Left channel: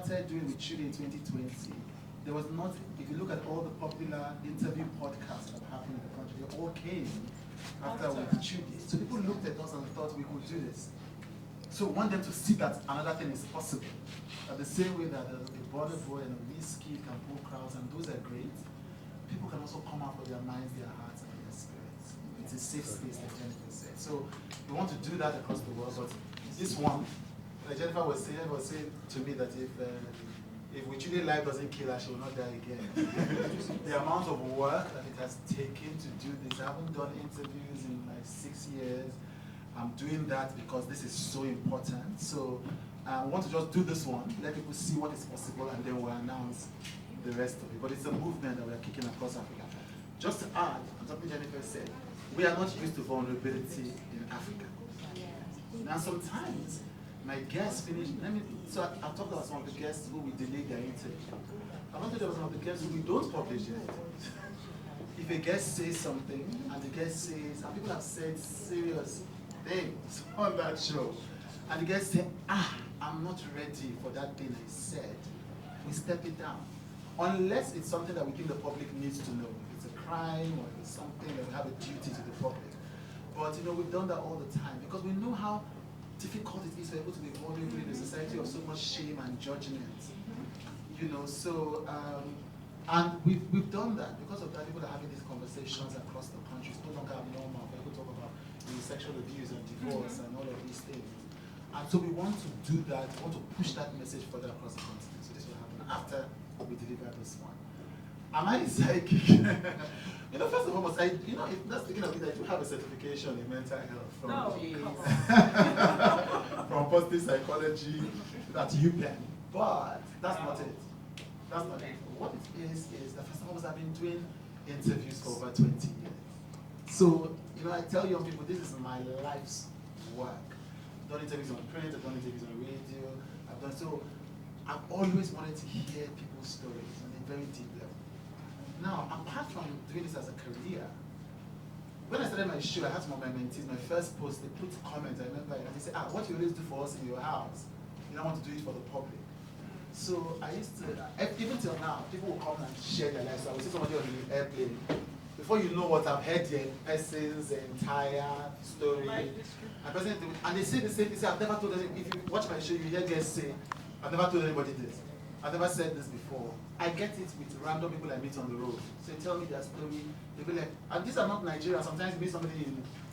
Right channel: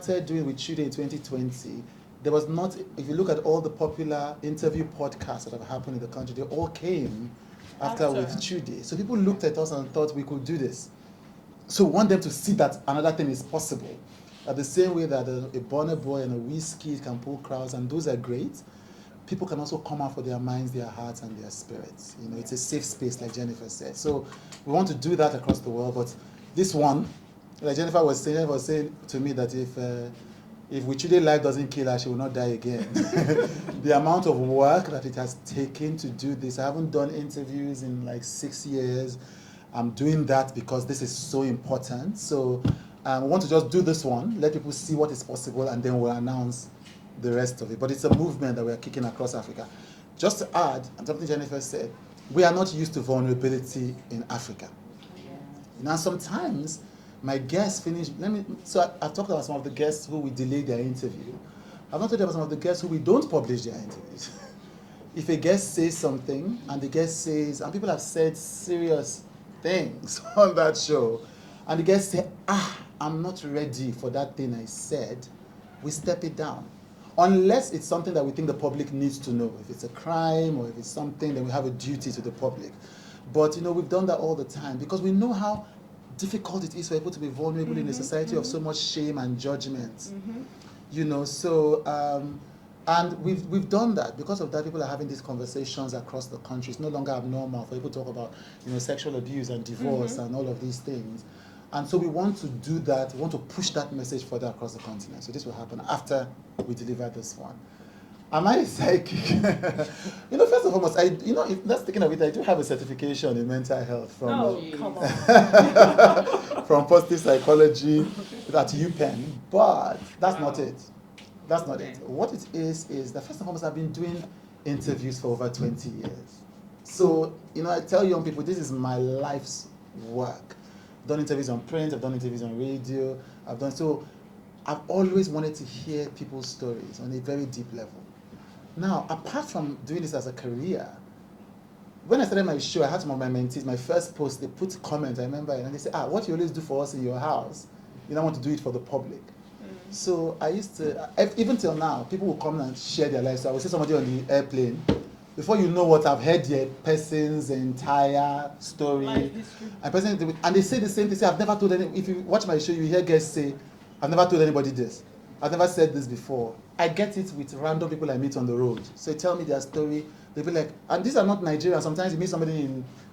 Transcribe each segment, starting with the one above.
started doing with Chude in 2020, there was not, if you look at all the popular interview podcasts that have happened in the country, they all came after with Chude. So people looked at us and thought we could do this. So we want them to see that another thing is possible. At the same way that a Bonner Boy and a Whiskey can pull crowds, and those are great, people can also come out for their minds, their hearts, and their spirits. You know, it's a safe space, like Jennifer said. So we want to do that across the world. But this one, like Jennifer was saying to me that if Wichude life doesn't kill her, she will not die again. The amount of work that it has taken to do this, I haven't done interviews in like 6 years. I'm doing that because this is so important. So we want to just do this one, let people see what is possible, and then we'll announce the rest of it. But it's a movement that we are kicking across Africa. Just to add, and something Jennifer said, we are not used to vulnerability in Africa. Now sometimes my guests finish, I've talked about some of the guests who we delay their interview. I've not talked about some of the guests who we don't publish their interviews. If a guest says something, and the guest says, and people have said serious things on that show, and the guest say, I'm not ready for that thing I said, we step it down. Unless it's something that we think the public needs to know. If it's a crime or if it's something, then we have a duty to the public. But you know, we've done that all the time because we know how difficult it is for people to be vulnerable in a society of so much shame and judgment. You know, so and we've done that. Because of that, people are having these conversations across the country. It's no longer abnormal for people to talk about, you know, sexual abuse and divorce and all of these things. And so we want to do that. We want to push that message further across the continent. So this will happen after we deliver this one. Am I psychic? You know, first and foremost, if that's thinking of it, I do have a certification in mental health from positive psychology at UPenn, but that's not it. That's not it. What it is that first and foremost, I've been doing interviews for over 20 years. So, you know, I tell young people, this is my life's work. I've done interviews on print, I've done interviews on radio, I've always wanted to hear people's stories on a very deep level. Now, apart from doing this as a career, when I started my show, I had some of my mentees, my first post, they put comments, I remember, and they said, what you always do for us in your house, you don't want to do it for the public. So I used to, even till now, people will come and share their lives. So I will see somebody on the airplane. Before you know what, I've heard the person's entire story. And they say the same thing. Say, I've never told anyone. If you watch my show, you hear guests say, I've never told anybody this. I've never said this before. I get it with random people I meet on the road. So they tell me their story. They'll be like, and these are not Nigerians. Sometimes you meet somebody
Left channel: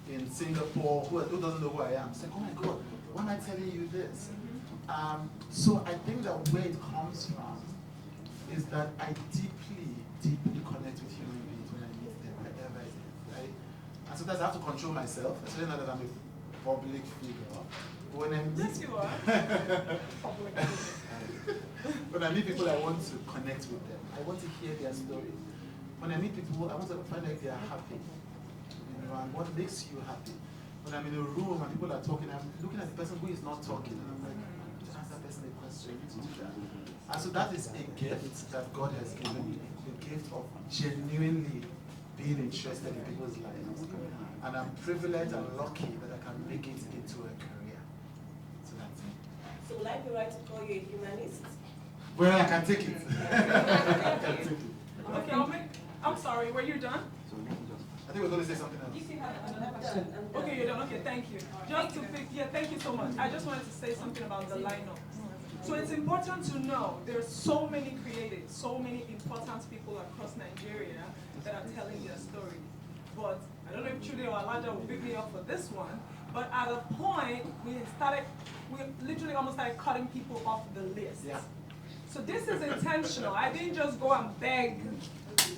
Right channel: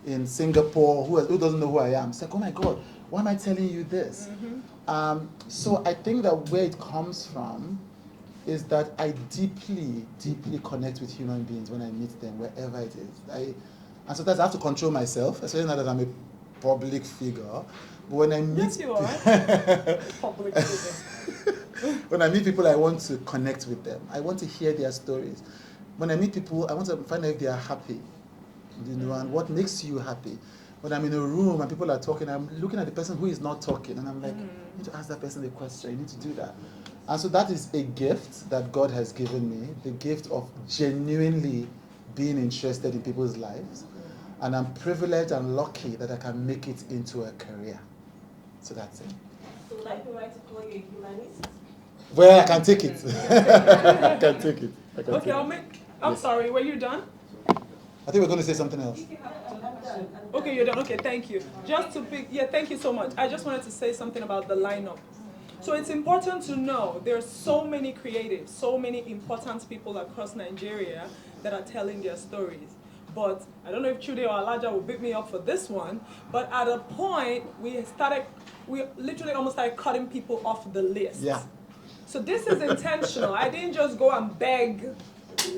in Singapore who doesn't know who I am. It's like, oh my God, why am I telling you this? So I think that where it comes from is that I deeply, deeply connect with human beings when I meet them, wherever it is. And sometimes I have to control myself, especially now that I'm a public figure. But when I meet Public figure. When I meet people, I want to connect with them. I want to hear their stories. When I meet people, I want to find out if they are happy, you know, and what makes you happy. When I'm in a room and people are talking, I'm looking at the person who is not talking, and I'm like, you need to ask that person a question, you need to do that. And so that is a gift that God has given me, the gift of genuinely being interested in people's lives. And I'm privileged and lucky that I can make it into a career. So that's it. So would I be right to call you a humanist? Well, I can take it. I can take it. Okay, I'm sorry, were you done? I think we're going to say something else. Okay, you're done. Okay, thank you. Thank you so much. I just wanted to say something about the lineup. So it's important to know there's so many creatives, so many important people across Nigeria that are telling their stories. But I don't know if Chude or Elijah will pick me up for this one, but at a point, we literally almost started cutting people off the list. Yeah. So this is intentional. I didn't just go and beg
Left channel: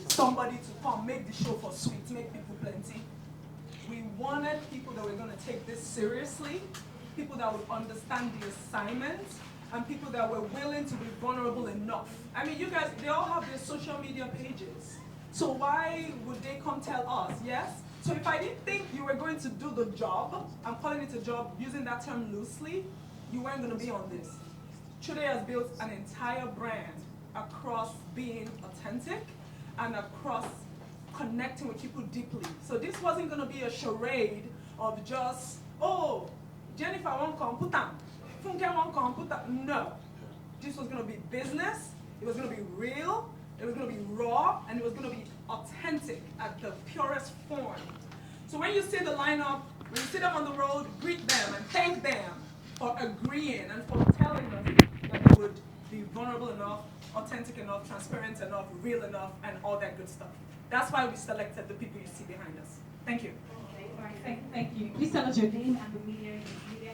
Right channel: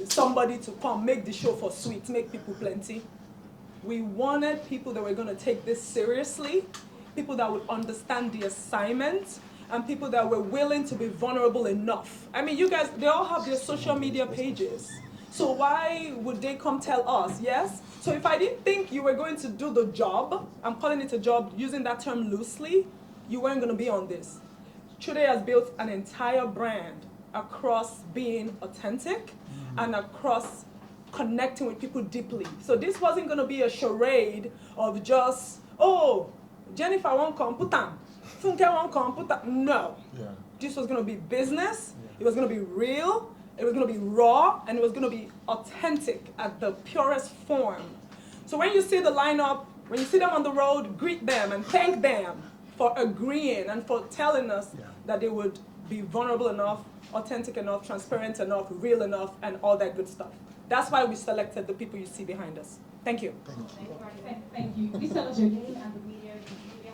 somebody to come, make the show for sweet, make people plenty. We wanted people that were going to take this seriously, people that would understand the assignment, and people that were willing to be vulnerable enough. I mean, you guys, they all have their social media pages. So why would they come tell us, yes? So if I didn't think you were going to do the job, I'm calling it a job, using that term loosely, you weren't going to be on this. Chude has built an entire brand across being authentic and across connecting with people deeply. So this wasn't going to be a charade of just, oh, Jennifer won't come, put on. Funke won't come, put on. No. Yeah. This was going to be business. It was going to be real. It was going to be raw. And it was going to be authentic at the purest form. So when you see the lineup, when you see them on the road, greet them and thank them for agreeing and for telling us that they would be vulnerable enough, authentic enough, transparent enough, real enough, and all that good stuff. That's why we selected the people you see behind us. Thank you. Thank you. Please tell us your name and the media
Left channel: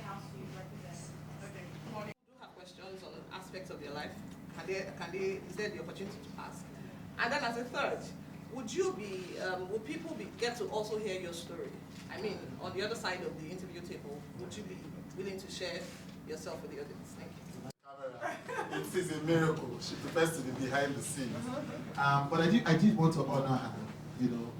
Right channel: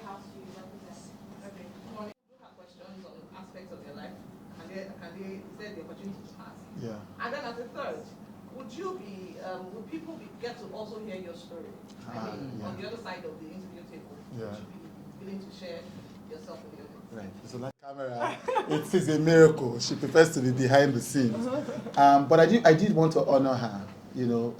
house you represent. Okay. Good morning. Do you have questions on aspects of your life? Is there the opportunity to ask? Yeah. And then as a third, would people get to also hear your story? I mean, on the other side of the interview table, would you be willing to share yourself with the audience? Right. So that camera, it is a miracle. She prefers to be behind the scenes. But I did want to honor her.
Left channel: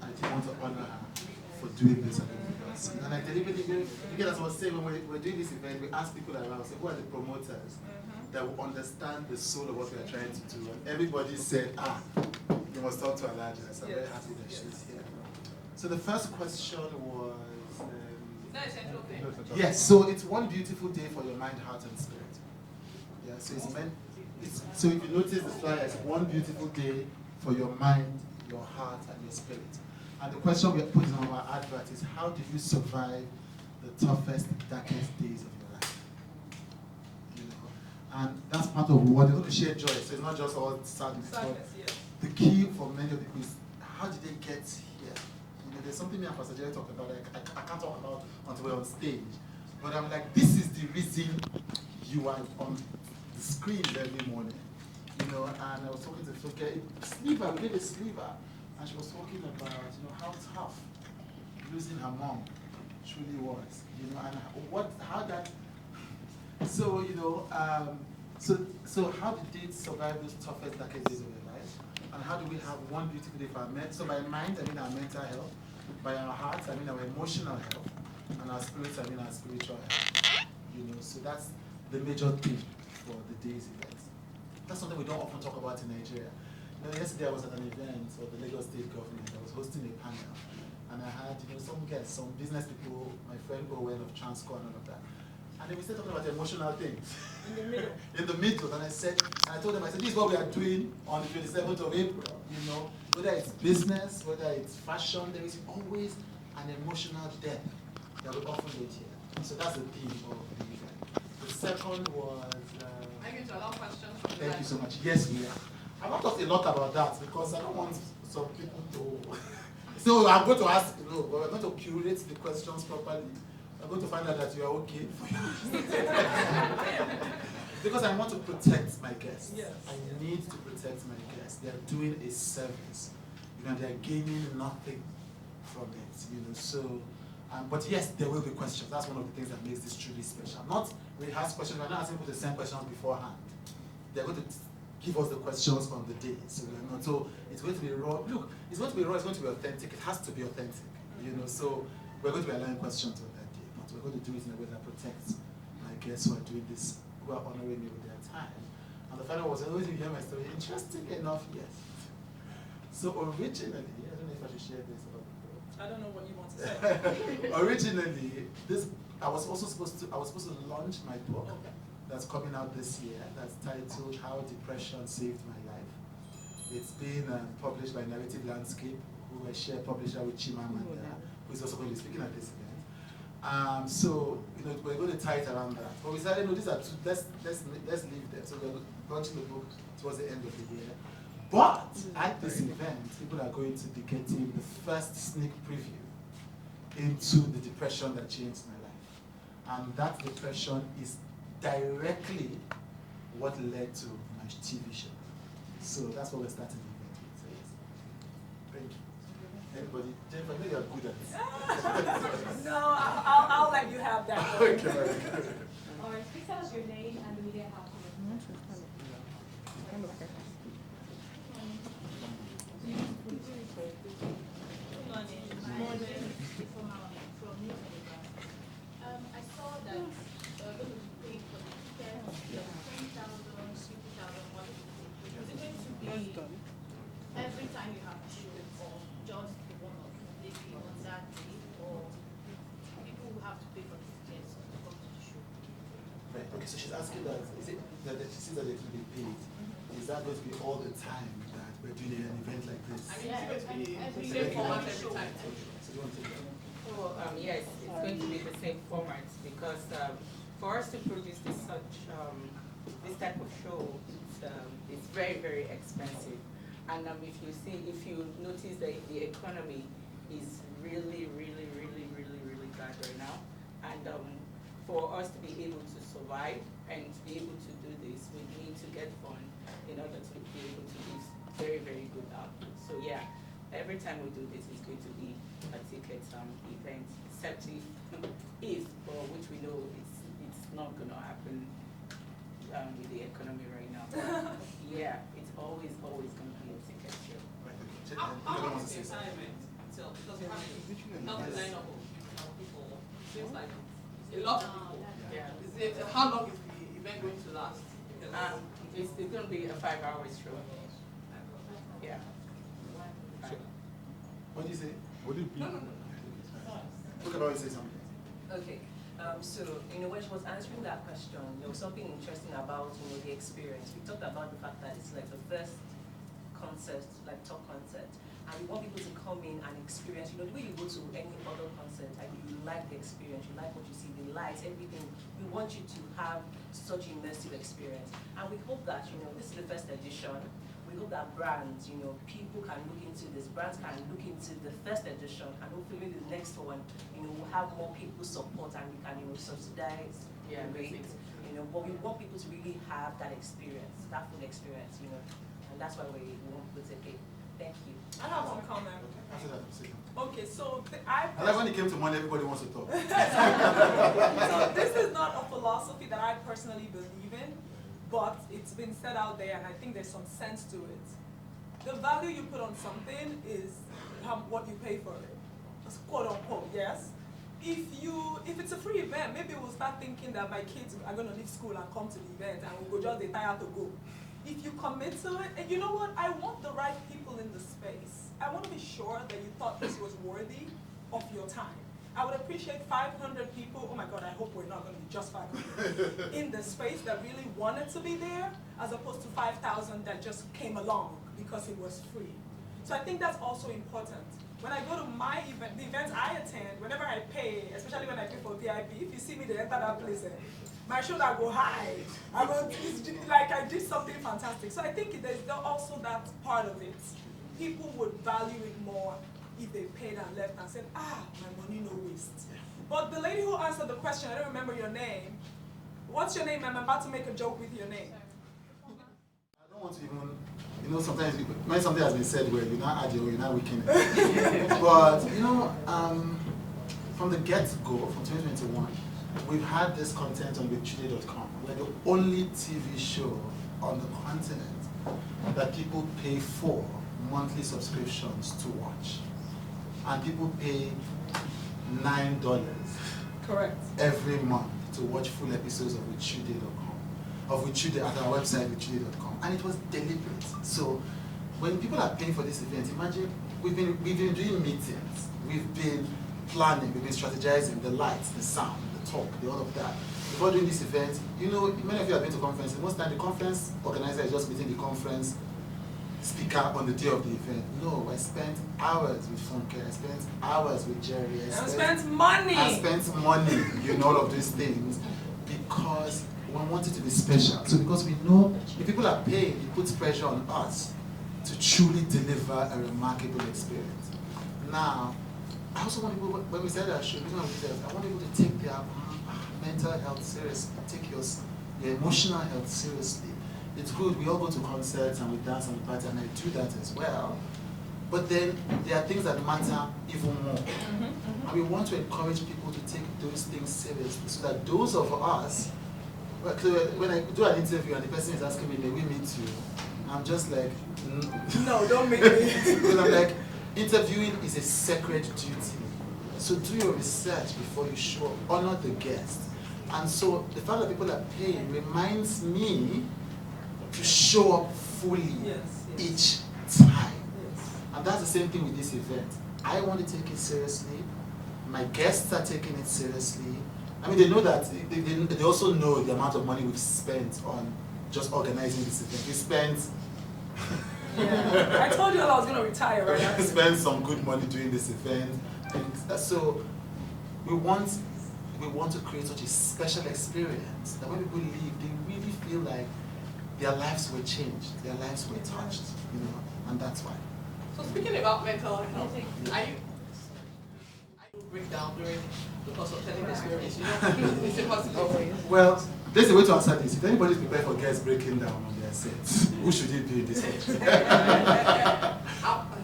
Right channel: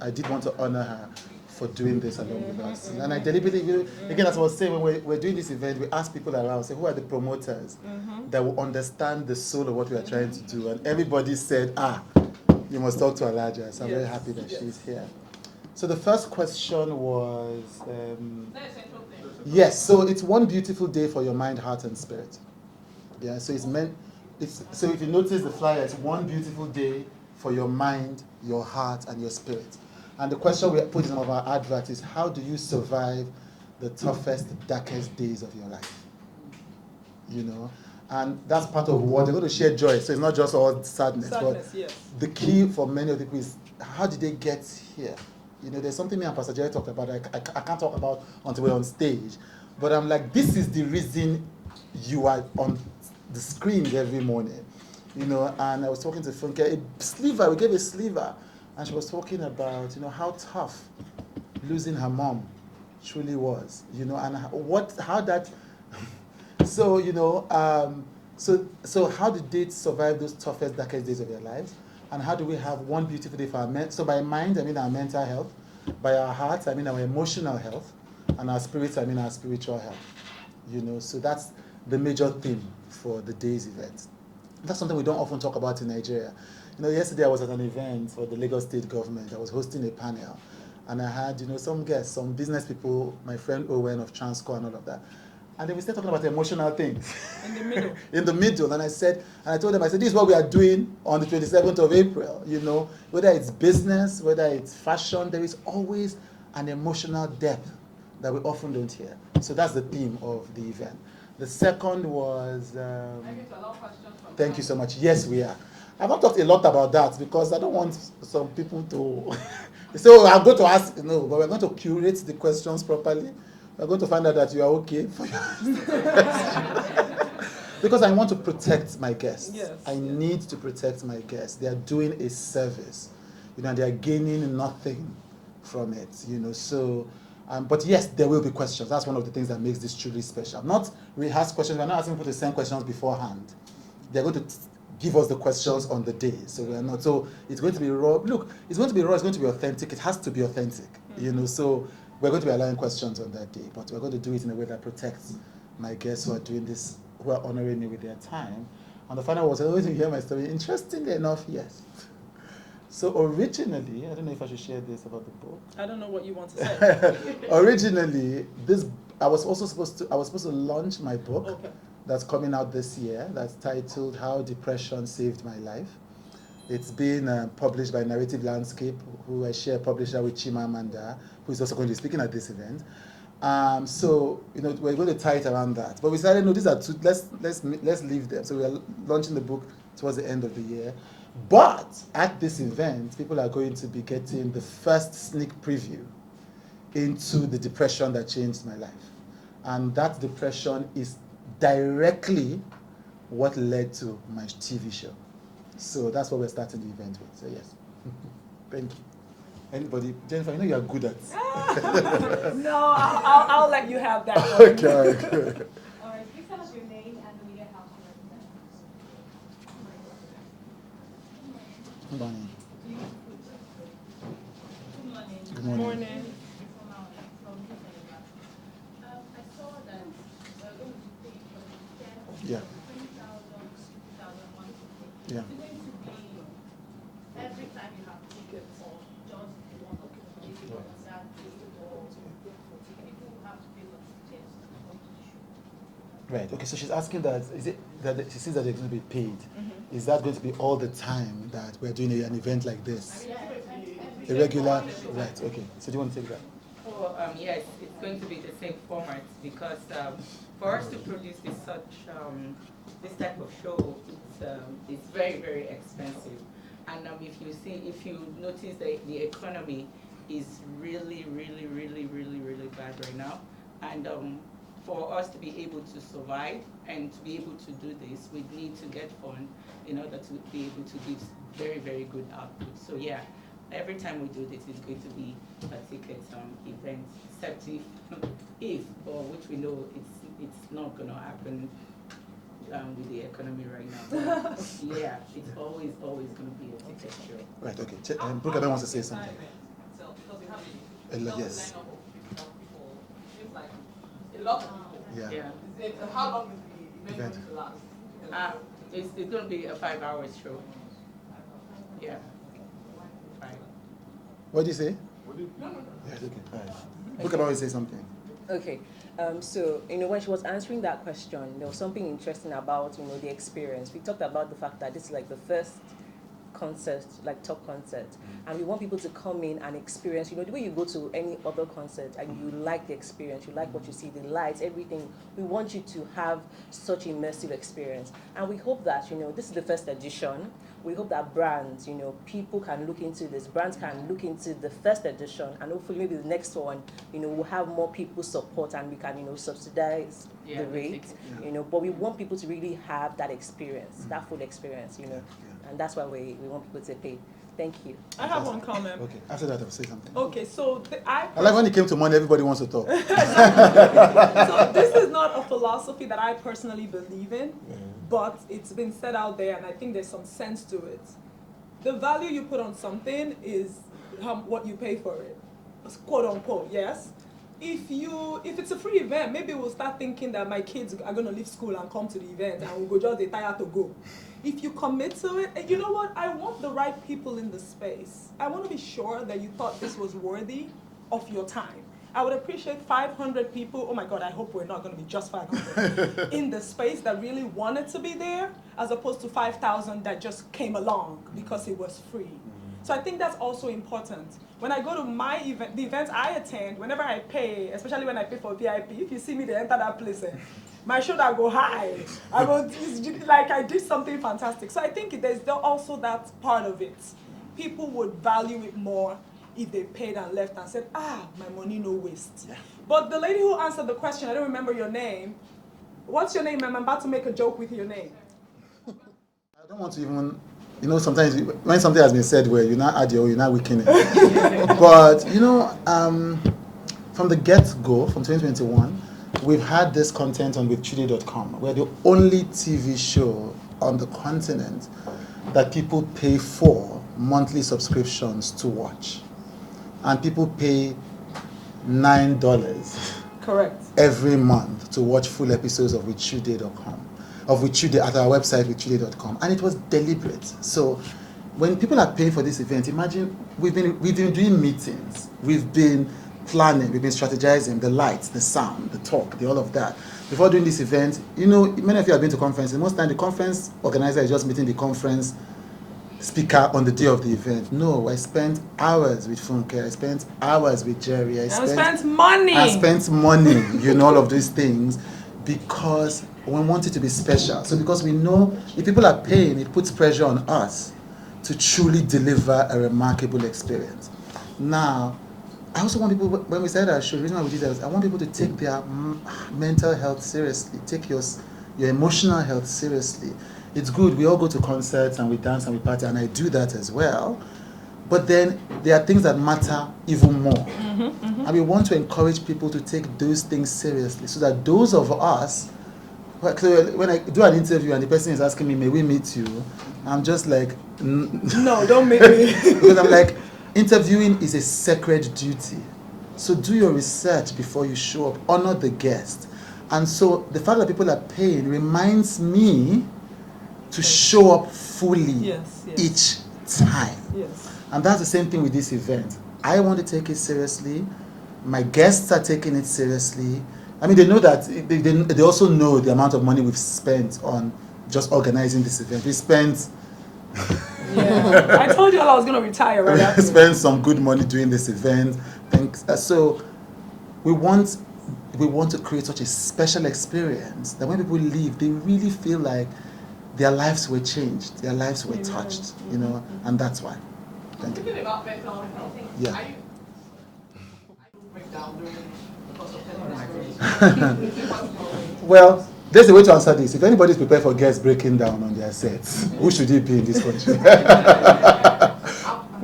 I did want to honor her for doing this along with us. And I deliberately, again, as I was saying, when we're doing this event, we ask people around, say, who are the promoters that will understand the soul of what we are trying to do? And everybody said, you must talk to Alaja. So I'm very happy that she's here. So the first question was, yes, so it's one beautiful day for your mind, heart, and spirit. Yeah, so so if you notice the flyer, it's one beautiful day for your mind, your heart, and your spirit. And the question we put in some of our advert is, how do you survive the toughest, darkest days of your life? And that's part of what they're going to share joy. So it's not just all sadness, but yes. The key for many of the people is, how did they get here? There's something me and Pastor Jerry talked about I can't talk about until we're on stage. But I'm like, this is the reason you are on the screens every morning. And I was talking to Funke, we gave a sliver, and she was talking about, how tough losing her mom truly was, and how that, so how did they survive those toughest, darkest days of their lives? And how do we have one beautiful day for our so by mind, I mean our mental health, by our hearts, I mean our emotional health, and our spirits, I mean our spiritual health. So that's the major theme for the day's event. That's something we don't often talk about in Nigeria. Yesterday I was at an event for the Lagos State government. I was hosting a panel, and I had, some guests, some business people, my friend Owen of Transco and all of that. And then we started talking about emotional things. In the middle. In the middle. And I told them, this is what we are doing on the 27th of April. Whether it's business, whether it's fashion, there is always an emotional depth that we often don't hear. So that's the theme of the event. The second was... Thank you so much. Yes, we are. I've not talked a lot about that because I don't want some people to... So I'm going to ask, but we're going to curate the questions properly. We're going to find out that you are okay for because I want to protect my guests. Yes. I need to protect my guests. They are doing a service. They are gaining nothing from it. So, but yes, there will be questions. That's one of the things that makes this truly special. Not rehearsed questions. We're not asking people to send questions beforehand. They're going to give us the questions on the day. So we're not. So it's going to be raw. Look, it's going to be raw. It's going to be authentic. It has to be authentic. So. We're going to be allowing questions on that day, but we're going to do it in a way that protects my guests who are doing this, who are honoring me with their time. And the final was, I always hear my story. Interestingly enough, yes. So originally, I don't know if I should share this about the book. I don't know what you want to say. Originally, I was supposed to launch my book that's coming out this year. That's titled How Depression Saved My Life. It's been published by Narrative Landscape, who I share publisher with Chimamanda, who is also going to be speaking at this event. So we're going to tie it around that. But we decided, no, these are two. Let's leave them. So we are launching the book towards the end of the year. But at this event, people are going to be getting the first sneak preview into the depression that changed my life, and that depression is directly what led to my TV show. So that's what we're starting the event with. So yes, thank you. Anybody? Jennifer, I know you are good at. No, I'll let you have that. Okay. All right, please tell us your name and the media house you represent. Good morning. Good morning. Morning. I saw that you're going to pay for the test. Yeah. 10,000, 50,000, Yeah. Is it going to be every time you have to or just the one occasion on that day, or people have to pay for the tickets to come to the show? Right. Okay. So she's asking that is it that she says that they're going to be paid? Mm-hmm. Is that going to be all the time that we're doing an event like this? I mean, it's going to be The the regular. same format every time. Right. Okay. So do you want to take that? Well, yes, it's going to be the same format because for us to produce this type of show, it's very, very expensive. And if you notice that the economy is really, really, really, really, really bad right now, and for us to be able to survive and to be able to do this, we need to get funds in order to be able to give very, very good output. So yeah, every time we do this, it's going to be a ticket event, except if, or which we know it's not going to happen with the economy right now. But yeah, it's always going to be a ticket show. Right. Okay. Brooke wants to say something. Because we have a huge Yes. lineup of people. Seems like a lot of people. Yeah. How long is the event going to last? Because It's going to be a 5-hour show. Yeah. 5. What do you say? no. Yeah. Okay. Brooke always say something. Okay, so when she was answering that question, there was something interesting about the experience. We talked about the fact that this is like the first concert, like top concert, and we want people to come in and experience. The way you go to any other concert and you like the experience, you like what you see, the lights, everything. We want you to have such immersive experience, and we hope that this is the first edition. We hope that brands, people can look into this. Brands can look into the first edition, and hopefully maybe the next one, we'll have more people support and we can, subsidize the rate, But we want people to really have that experience, that full experience, and that's why we want people to pay. Thank you. I have one comment. Okay. After that, I'll say something. Okay, so I like when it came to money, everybody wants to talk. so this is not a philosophy that I personally believe in, but it's been said out there, and I think there's some sense to it. The value you put on something is what you pay for it, quote unquote. Yes. If it's a free event, maybe we'll start thinking that my kids are going to leave school and come to the event, and we'll go just retire to go. If you commit to it, and you know what? I want the right people in the space. I want to be sure that you thought this was worthy of your time. I would appreciate 500 people, oh my God, I hope we're not going to be just 500, in the space that really wanted to be there, as opposed to 5,000 that just came along because it was free. So I think that's also important. When I go to my event, the events I attend, whenever I pay, especially when I pay for VIP, if you see me, they enter that place, my shoulder go high. It's like I did something fantastic. So I think there's also that part of it. People would value it more if they paid and left and said, my money no waste. Yeah. But the lady who answered the question, I don't remember your name. What's your name? I'm about to make a joke with your name. I don't want to even, sometimes when something has been said where you now add your own, you're not weakening it. But, from the get-go, from 2021, we've had this content on withchude.com. We're the only TV show on the continent that people pay for monthly subscriptions to watch. And people pay $9 Correct. every month to watch full episodes of withchude.com, of Withchude at our website, withchude.com. And it was deliberate. So when people are paying for this event, imagine we've been doing meetings, we've been planning, we've been strategizing, the lights, the sound, the talk, all of that. Before doing this event, many of you have been to conferences. Most time the conference organizer is just meeting the conference speaker on the day of the event. No, I spent hours with Funke, I spent hours with Jerry, I spent money. All of these things, because we want it to be special. So because we know if people are paying, it puts pressure on us to truly deliver a remarkable experience. Now, I also want people, when we said our show, I want people to take their mental health seriously, take your emotional health seriously. It's good, we all go to concerts and we dance and we party, and I do that as well. But then there are things that matter even more. And we want to encourage people to take those things seriously, so that those of us, when I do an interview and the person is asking me, may we meet you? I'm just like, no, don't make me. Because I'm like, interviewing is a sacred duty. So do your research before you show up, honor the guest. And so the fact that people are paying reminds me to show up fully each time. Yes. And that's the same thing with this event. I want to take it seriously. My guests are taking it seriously. I mean, they know that, they also know the amount of money we've spent on just organizing this event. We spent... Yeah, I told you all I was going to retire right after. We spent some good money doing this event. So we want to create such a special experience that when people leave, they really feel like their lives were changed, their lives were touched, you know, and that's why. So speaking about mental health, Yeah. I break down during the course of telling the stories. Well, there's a way to answer this. If anybody's prepared for guests breaking down on their sets, who should it be in this country?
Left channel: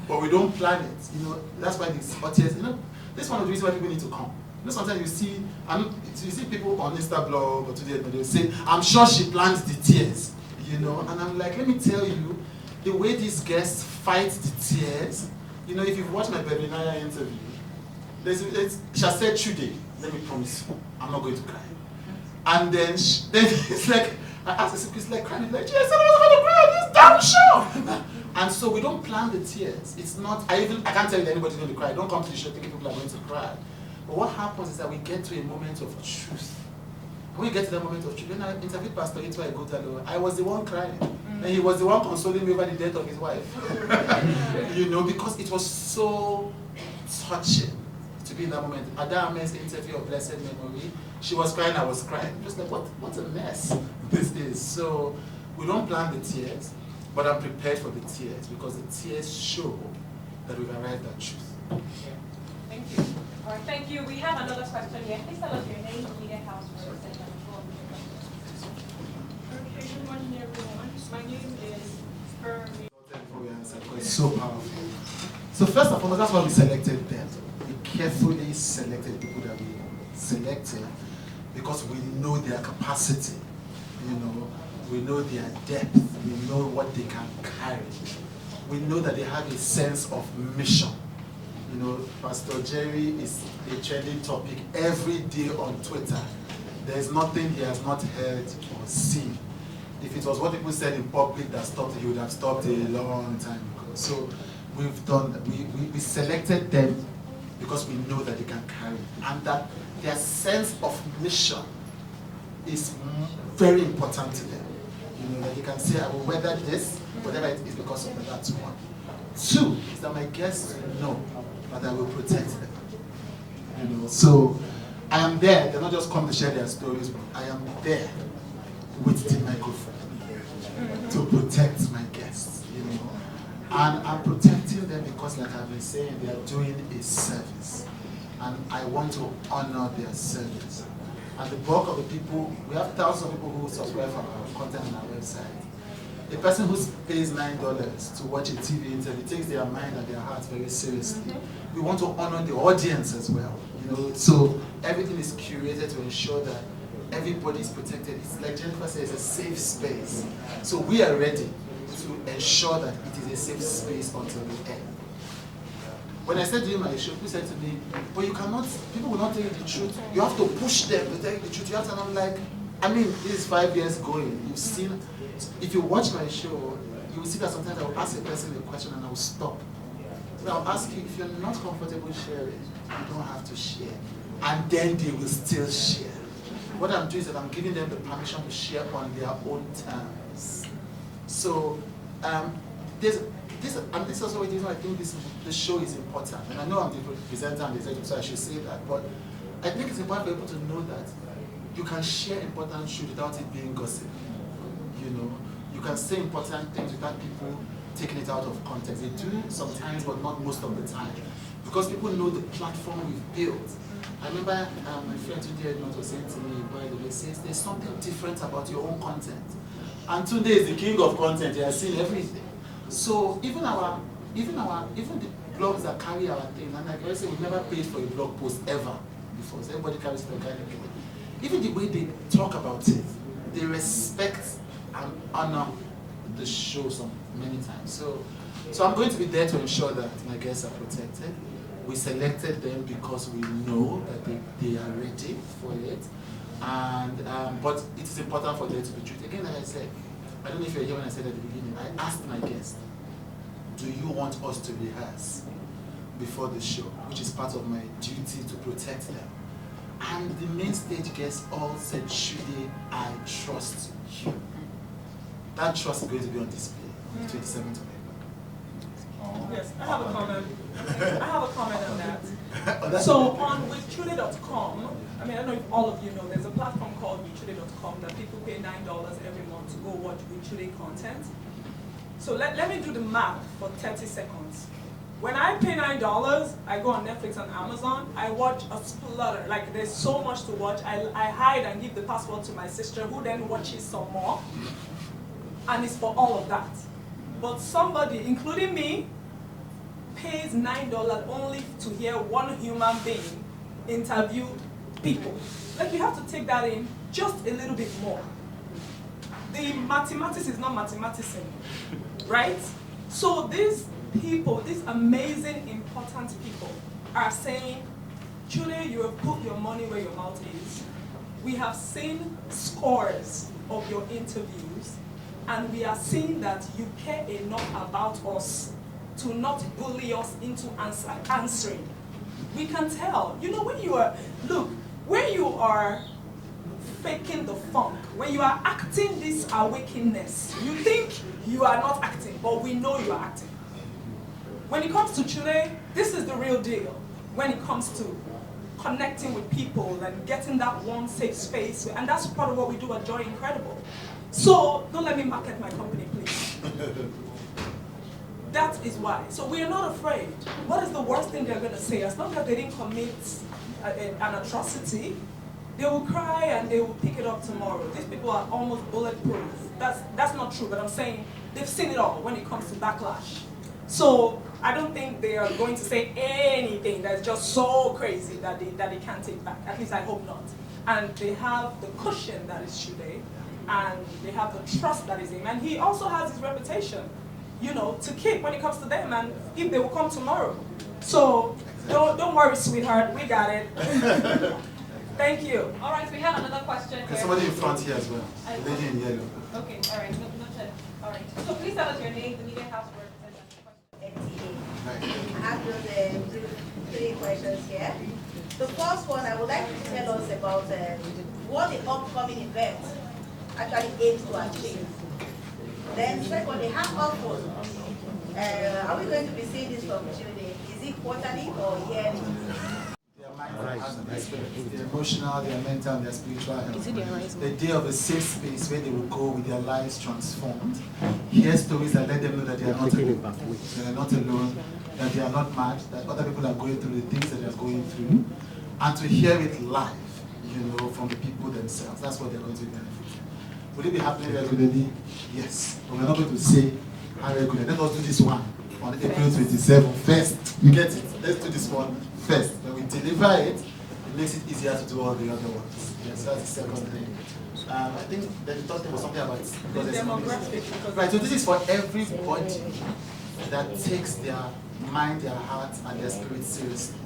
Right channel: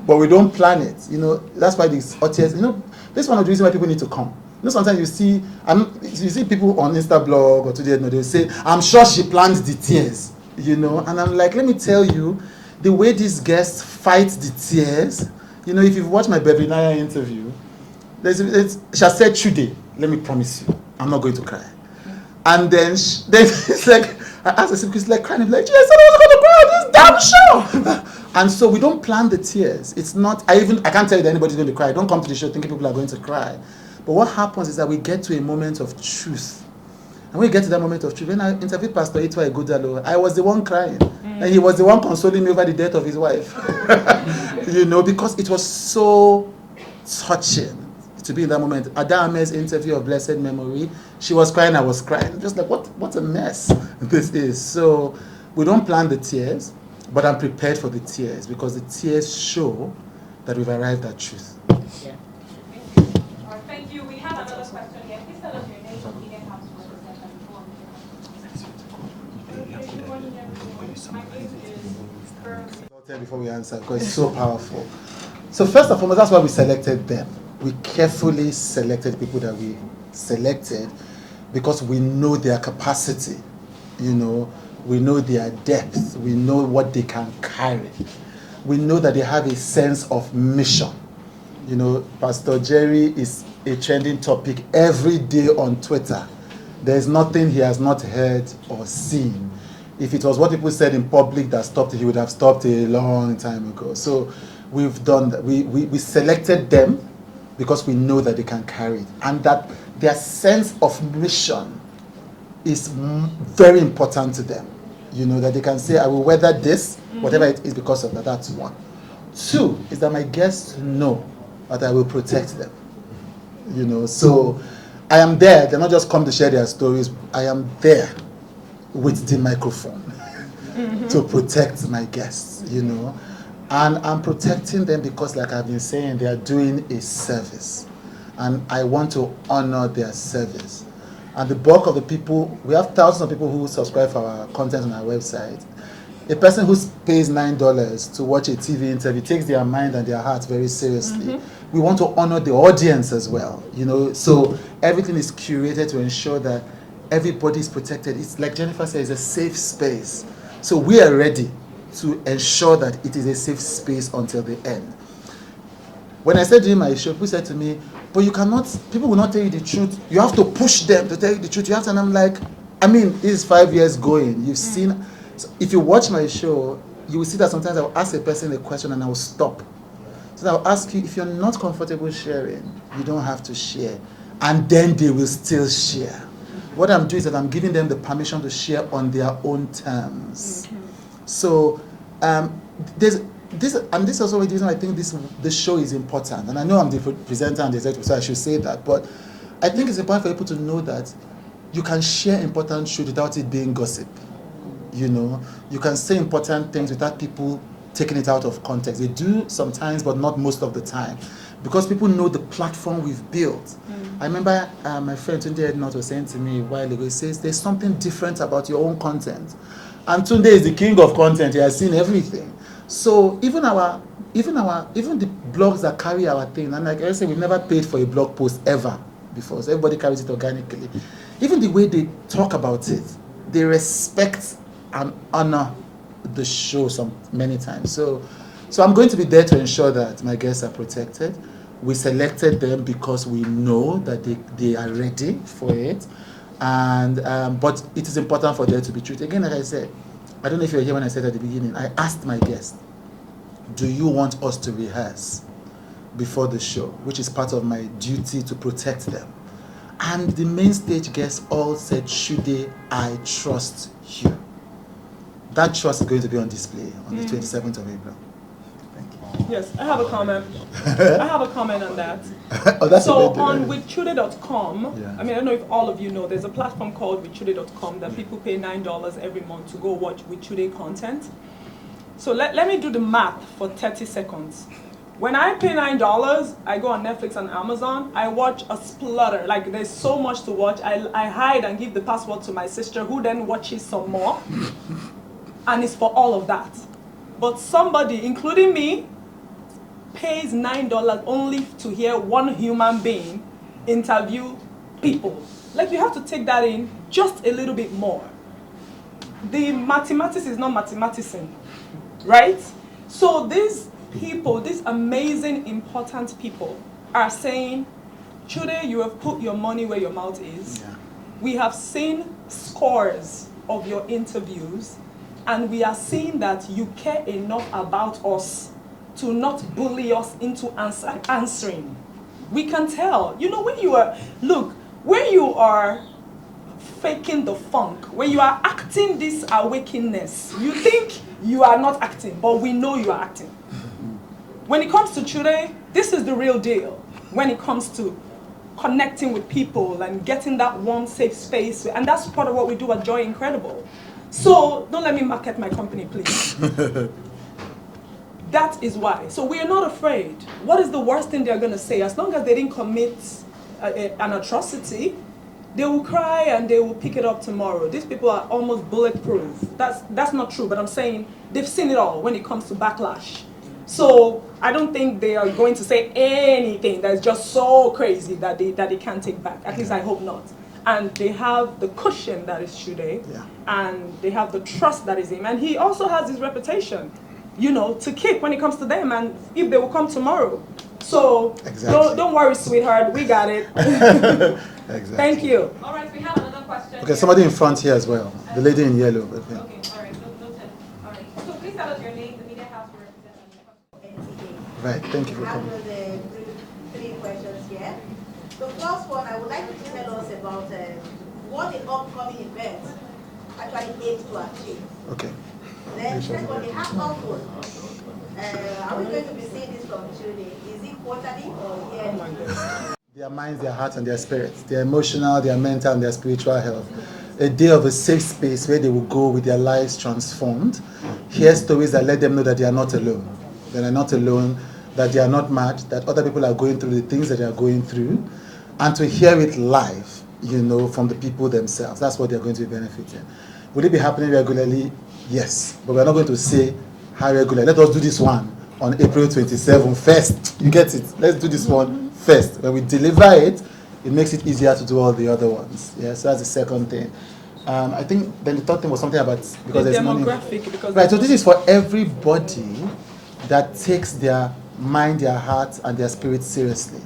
But we don't plan it, you know. That's why these audience, you know, this is one of the reasons why people need to come. You know, sometimes you see people on Instablog or today, they'll say, I'm sure she planned the tears, you know. And I'm like, let me tell you, the way these guests fight the tears, you know, if you've watched my Baby Naya interview, she said, today, let me promise you, I'm not going to cry. And then it's like, I asked her, she's like crying, like, yes, I was going to cry this damn show. And so we don't plan the tears. It's not, I can't tell you that anybody's going to cry. Don't come to the show thinking people are going to cry. But what happens is that we get to a moment of truth. And when we get to that moment of truth, when I interviewed Pastor Itwa Igudalo, I was the one crying. And he was the one consoling me over the death of his wife. You know, because it was so touching to be in that moment. Adame's interview of blessed memory, she was crying, I was crying. Just like, what a mess this is. So we don't plan the tears, but I'm prepared for the tears because the tears show that we've arrived at truth. Yeah. Thank you. All right, thank you. We have another question here. Please tell us your name, media house, website, and go on. My name is Before we answer, because it's so powerful. So first and foremost, that's why we selected them. We carefully selected people that we selected because we know their capacity, you know, we know their depth, we know what they can carry. We know that they have a sense of mission. You know, Pastor Jerry is a trending topic every day on Twitter. There's nothing he has not heard or seen. If it was what people said in public that stopped it, he would have stopped a long time ago. So we've done that. We selected them because we know that they can carry it. And that their sense of mission is very important to them. You know, that they can say, I will weather this, whatever it is because of that. That's one. Two, is that my guests know that I will protect them. You know, so I am there. They're not just come to share their stories. I am there with the microphone to protect my guests, you know. And I'm protecting them because, like I've been saying, they are doing a service. And I want to honor their service. And the bulk of the people, we have thousands of people who subscribe for our content on our website. A person who pays $9 to watch a TV interview takes their mind and their heart very seriously. We want to honor the audience as well, you know. So everything is curated to ensure that everybody is protected. It's like Jennifer said, it's a safe space. So we are ready to ensure that it is a safe space until the end. When I said during my show, people said to me, but you cannot, people will not tell you the truth. You have to push them to tell you the truth. You have to, and I'm like, I mean, this is 5 years going. You've seen, so if you watch my show, you will see that sometimes I will ask a person a question and I will stop. So I'll ask you, if you're not comfortable sharing, you don't have to share. And then they will still share. What I'm doing is that I'm giving them the permission to share on their own terms. So this is also the reason I think this show is important. And I know I'm the presenter and the executive, so I should say that. But I think it's important for people to know that you can share important truth without it being gossip. You know, you can say important things without people taking it out of context. They do sometimes, but not most of the time. Because people know the platform we've built. I remember my friend Tunde Ednot was saying to me a while ago, he says, there's something different about your own content. And Tunde is the king of content. He has seen everything. So even the blogs that carry our thing, and like I say, we've never paid for a blog post ever before. So everybody carries it organically. Even the way they talk about it, they respect and honor the show many times. So I'm going to be there to ensure that my guests are protected. We selected them because we know that they are ready for it. And but it is important for there to be truth. Again, like I said, I don't know if you were here when I said at the beginning, I asked my guests, do you want us to rehearse before the show, which is part of my duty to protect them? And the main stage guests all said, Chude, I trust you. That trust is going to be on display on the 27th of April. Yes, I have a comment. I have a comment on that. Oh, that's So a bit on different. withchude.com, Yeah. I mean, I don't know if all of you know, there's a platform called withchude.com that people pay $9 every month to go watch Withchude content. So let me do the math for 30 seconds. When I pay $9, I go on Netflix and Amazon, I watch a splutter. Like, there's so much to watch. I hide and give the password to my sister, who then watches some more. And it's for all of that. But somebody, including me, pays $9 only to hear one human being interview people. Like, you have to take that in just a little bit more. The mathematics is not mathematics, right? So these people, these amazing, important people are saying, Chude, you have put your money where your mouth is. We have seen scores of your interviews, and we are seeing that you care enough about us to not bully us into answering. We can tell. You know, when you are, look, when you are faking the funk, when you are acting this awakenness, you think you are not acting, but we know you are acting. When it comes to Chude, this is the real deal. When it comes to connecting with people and getting that warm, safe space, and that's part of what we do at Joy Incredible. So don't let me market my company, please. That is why. So we are not afraid. What is the worst thing they're going to say? As long as they didn't commit an atrocity, they will cry and they will pick it up tomorrow. These people are almost bulletproof. That's not true, but I'm saying they've seen it all when it comes to backlash. So I don't think they are going to say anything that's just so crazy that they can't take back. At least I hope not. And they have the cushion that is Chude, and they have the trust that is him. And he also has his reputation, you know, to keep when it comes to them, and if they will come tomorrow. So don't worry, sweetheart, we got it. Exactly. Thank you. All right, we have another question. Okay, here. somebody in front here as well. The lady in yellow. Okay. Okay, all right, no check. All right. So please tell us your name, the media house representative. Right, thank you for I have coming. those three questions here. The first one, I would like you to tell us about what the upcoming event actually aims to achieve. Okay. Then secondly, how often are we going to be seeing this from Chude? Is it quarterly or yearly? Their minds, their hearts, and their spirits, their emotional, their mental, and their spiritual health. A day of a safe space where they will go with their lives transformed, hear stories that let them know that they are not alone. They are not alone, that they are not mad, that other people are going through the things that they are going through, and to hear it live, you know, from the people themselves. That's what they're going to be benefiting. Will it be happening regularly? Yes. But we're not going to say how regular. Let us do this one on April 27th first. You get it? Let's do this one first. When we deliver it, it makes it easier to do all the other ones. Yeah, so that's the second thing. I think then the third thing was something about because The there's money. demographic. Because Right, so this is for everybody that takes their mind, their heart, and their spirit seriously.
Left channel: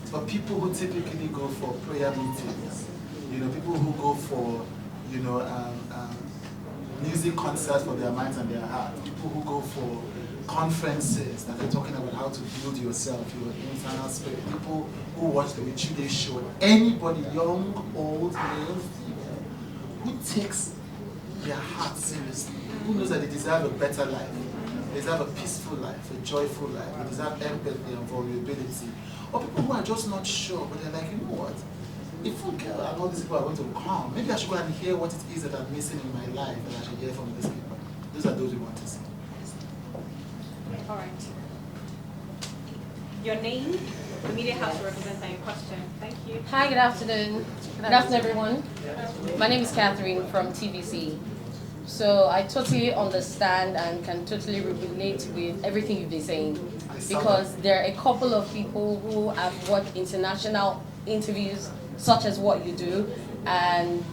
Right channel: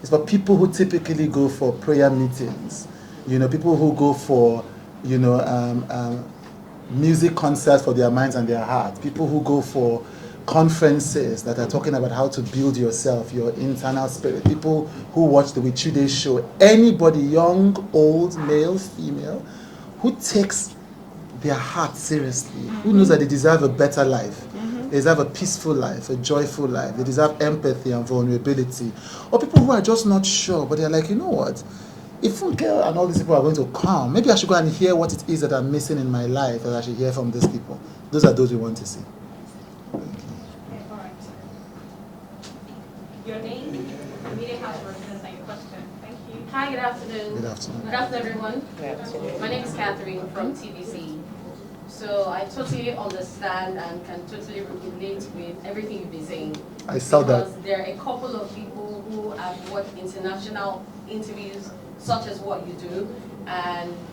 It's for people who typically go for prayer meetings, you know, people who go for, you know, music concerts for their minds and their hearts, people who go for conferences that are talking about how to build yourself, your internal spirit, people who watch the Withchude show, anybody, young, old, male, female, who takes their heart seriously, who knows that they deserve a better life. They deserve a peaceful life, a joyful life. They deserve empathy and vulnerability. Or people who are just not sure, but they're like, you know what? If Funke and all these people are going to come, maybe I should go and hear what it is that I'm missing in my life, and I should hear from these people. Those are those we want to see. All right. Your name, the media house representative, and your question. Thank you. Hi, good afternoon. Good afternoon. Good afternoon, everyone. My name is Catherine from TVC. So I totally understand and can totally relate with everything you've been saying. I saw that. Because there are a couple of people who have watched international interviews such as what you do, and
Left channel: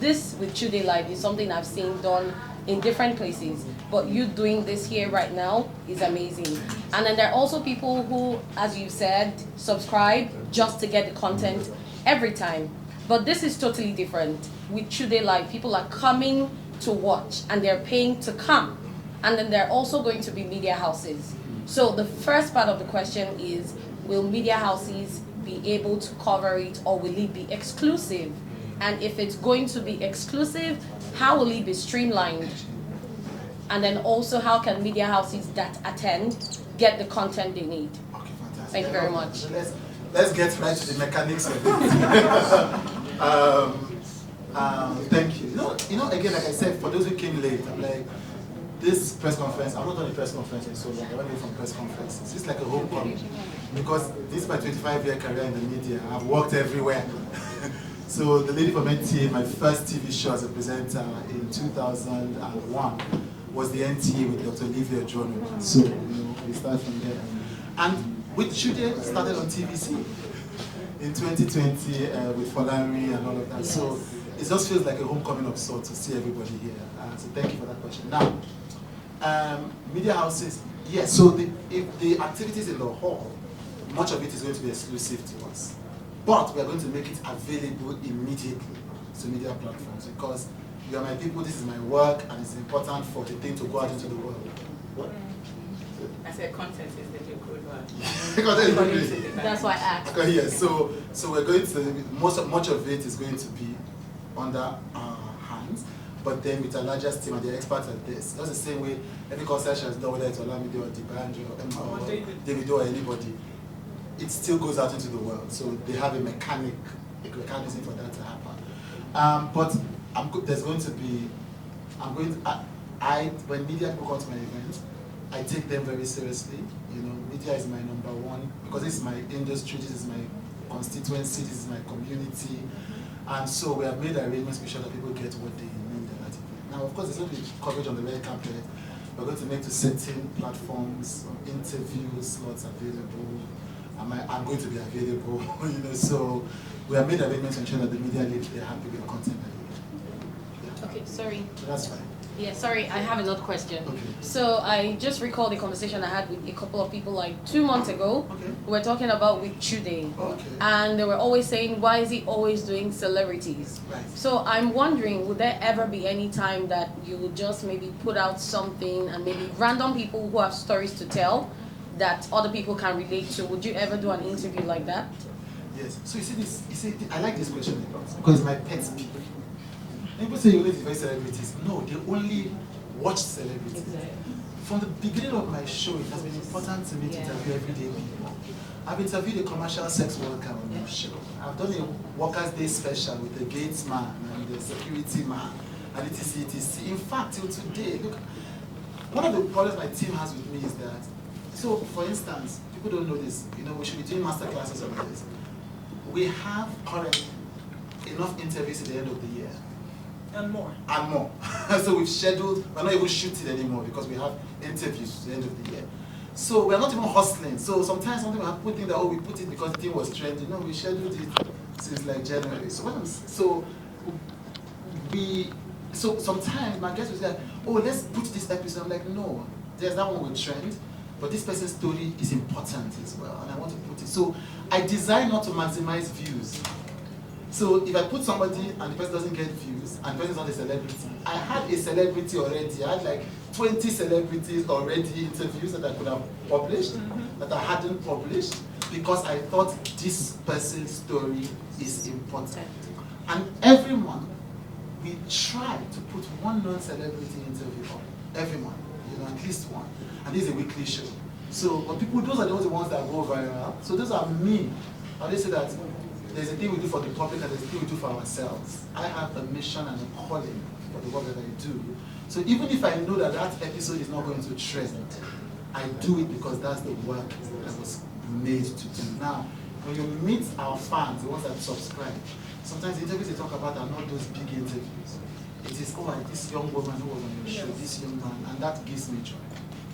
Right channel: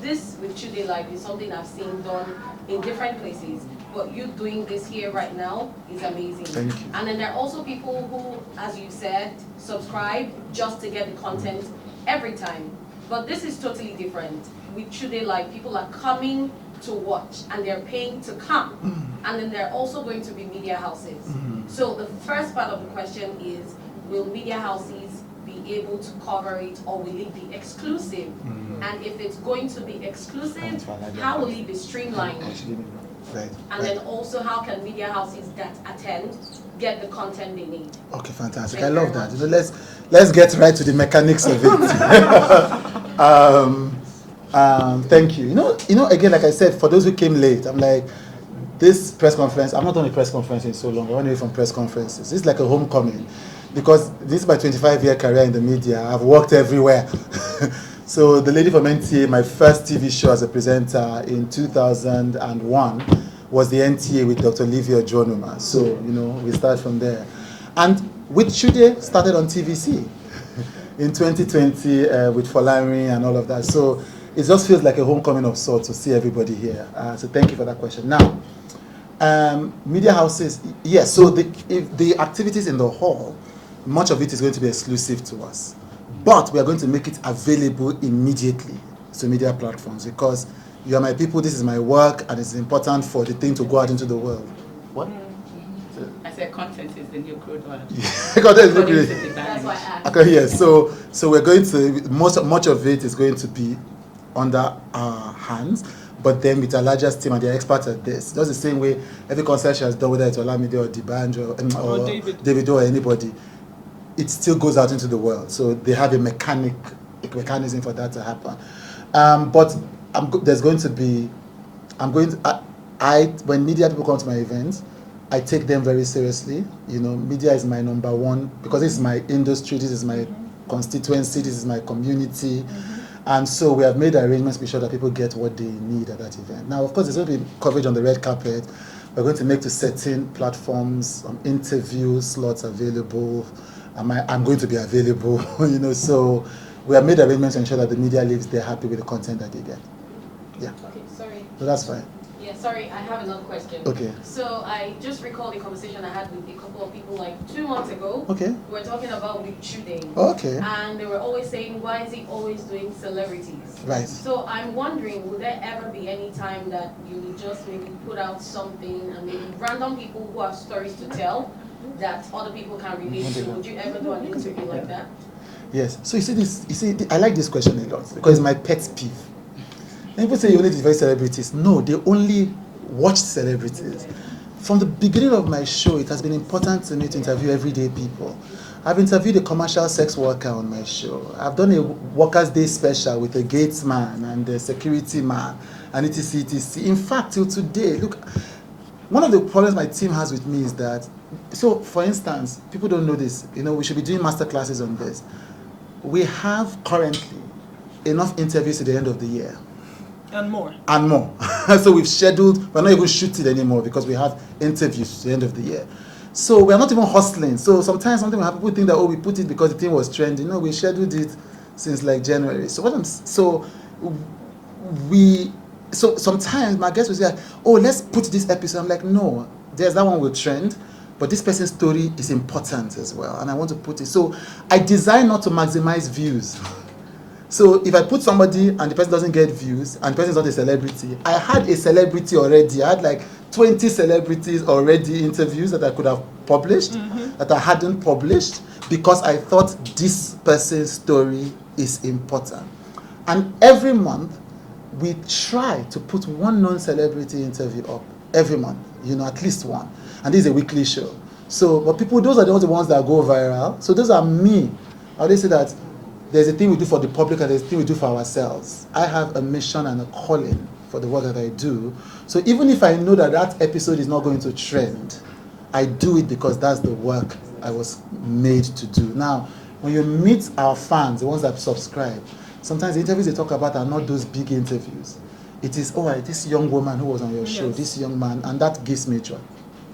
this with Chude Live is something I've seen done in different places. But you doing this here right now is amazing. Thank you. And then there are also people who, as you said, subscribe just to get the content every time. But this is totally different. With Chude Live, people are coming to watch and they're paying to come. And then there are also going to be media houses. So the first part of the question is, will media houses be able to cover it, or will it be exclusive? And if it's going to be exclusive, how will it be streamlined? And then also, how can media houses that attend get the content they need? Okay, fantastic. Thank I you love very that. much. So let's get right to the mechanics of it. Thank you. You know, again, like I said, for those who came late, I'm like, this press conference, I'm not on a press conference in so long. I run away from press conferences. This is like a homecoming, because this is my 25-year career in the media. I've worked everywhere. So the lady from NTA, my first TV show as a presenter in 2001 was the NTA with Dr. Livia Jonuma. So, we start from there. And with Chude, started on TVC in 2020 with Folari and all of that. So it just feels like a homecoming of sorts to see everybody here. So thank you for that question. Now, media houses, yes, so if the activities in the hall, much of it is going to be exclusive to us. But we are going to make it available immediately to media platforms, because you are my people, this is my work, and it's important for the thing to go out into the world. What? I said content is the new crude oil. That's why I asked. Okay, yes. So we're going to, much of it is going to be under our hands, but then with our largest team, and they're experts at this. Just the same way every concession has done, whether it's Olamide or D'banj or David or anybody, it still goes out into the world. So they have a mechanism for that to happen. But there's going to be, when media people come to my events, I take them very seriously. Media is my number one, because this is my industry, this is my constituency, this is my community. And so we have made arrangements to be sure that people get what they need at that event. Now, of course, there's going to be coverage on the red carpet. We're going to make to certain platforms interview slots available. I'm going to be available, so we have made arrangements to ensure that the media leaves, they're happy with the content that they get. Yeah. Okay, sorry. So that's fine. Yeah, sorry, I have another question. Okay. So I just recalled a conversation I had with a couple of people like 2 months ago. Okay. We were talking about with Chude. Okay. And they were always saying, why is he always doing celebrities? Right. So I'm wondering, would there ever be any time that you would just maybe put out something and maybe random people who have stories to tell that other people can relate to? Would you ever do an interview like that? Yes. So I like this question a lot, because it's my pet peeve. And people say you only devote celebrities. No, they only watch celebrities. From the beginning of my show, it has been important to me to interview everyday people. I've interviewed a commercial sex worker on my show. I've done a Workers' Day special with a gates man and a security man, and etc. In fact, till today, look, one of the problems my team has with me is that, so for instance, people don't know this, we should be doing master classes on this. We have currently enough interviews at the end of the year. And more. And more. So we've scheduled, we're not even shooting anymore because we have interviews at the end of the year. So we're not even hustling. So sometimes something will happen, people think that, we put it because the thing was trending. No, we scheduled it since like January. So sometimes my guests will say, let's put this episode. I'm like, no, there's that one will trend, but this person's story is important as well, and I want to put it. So I design not to maximize views. So if I put somebody and the person doesn't get views and the person is not a celebrity, I had a celebrity already. I had like 20 celebrities already interviews that I could have published, that I hadn't published, because I thought this person's story is important. And every month, we try to put one non-celebrity interview up every month, at least one. And this is a weekly show. So, but those are the ones that go viral. So those are me. I always say that there's a thing we do for the public and there's a thing we do for ourselves. I have a mission and a calling for the work that I do. So even if I know that episode is not going to trend, I do it because that's the work I was made to do. Now, when you meet our fans, the ones that subscribe, sometimes the interviews they talk about are not those big interviews. It is, this young woman who was on your show, this young man, and that gives me joy.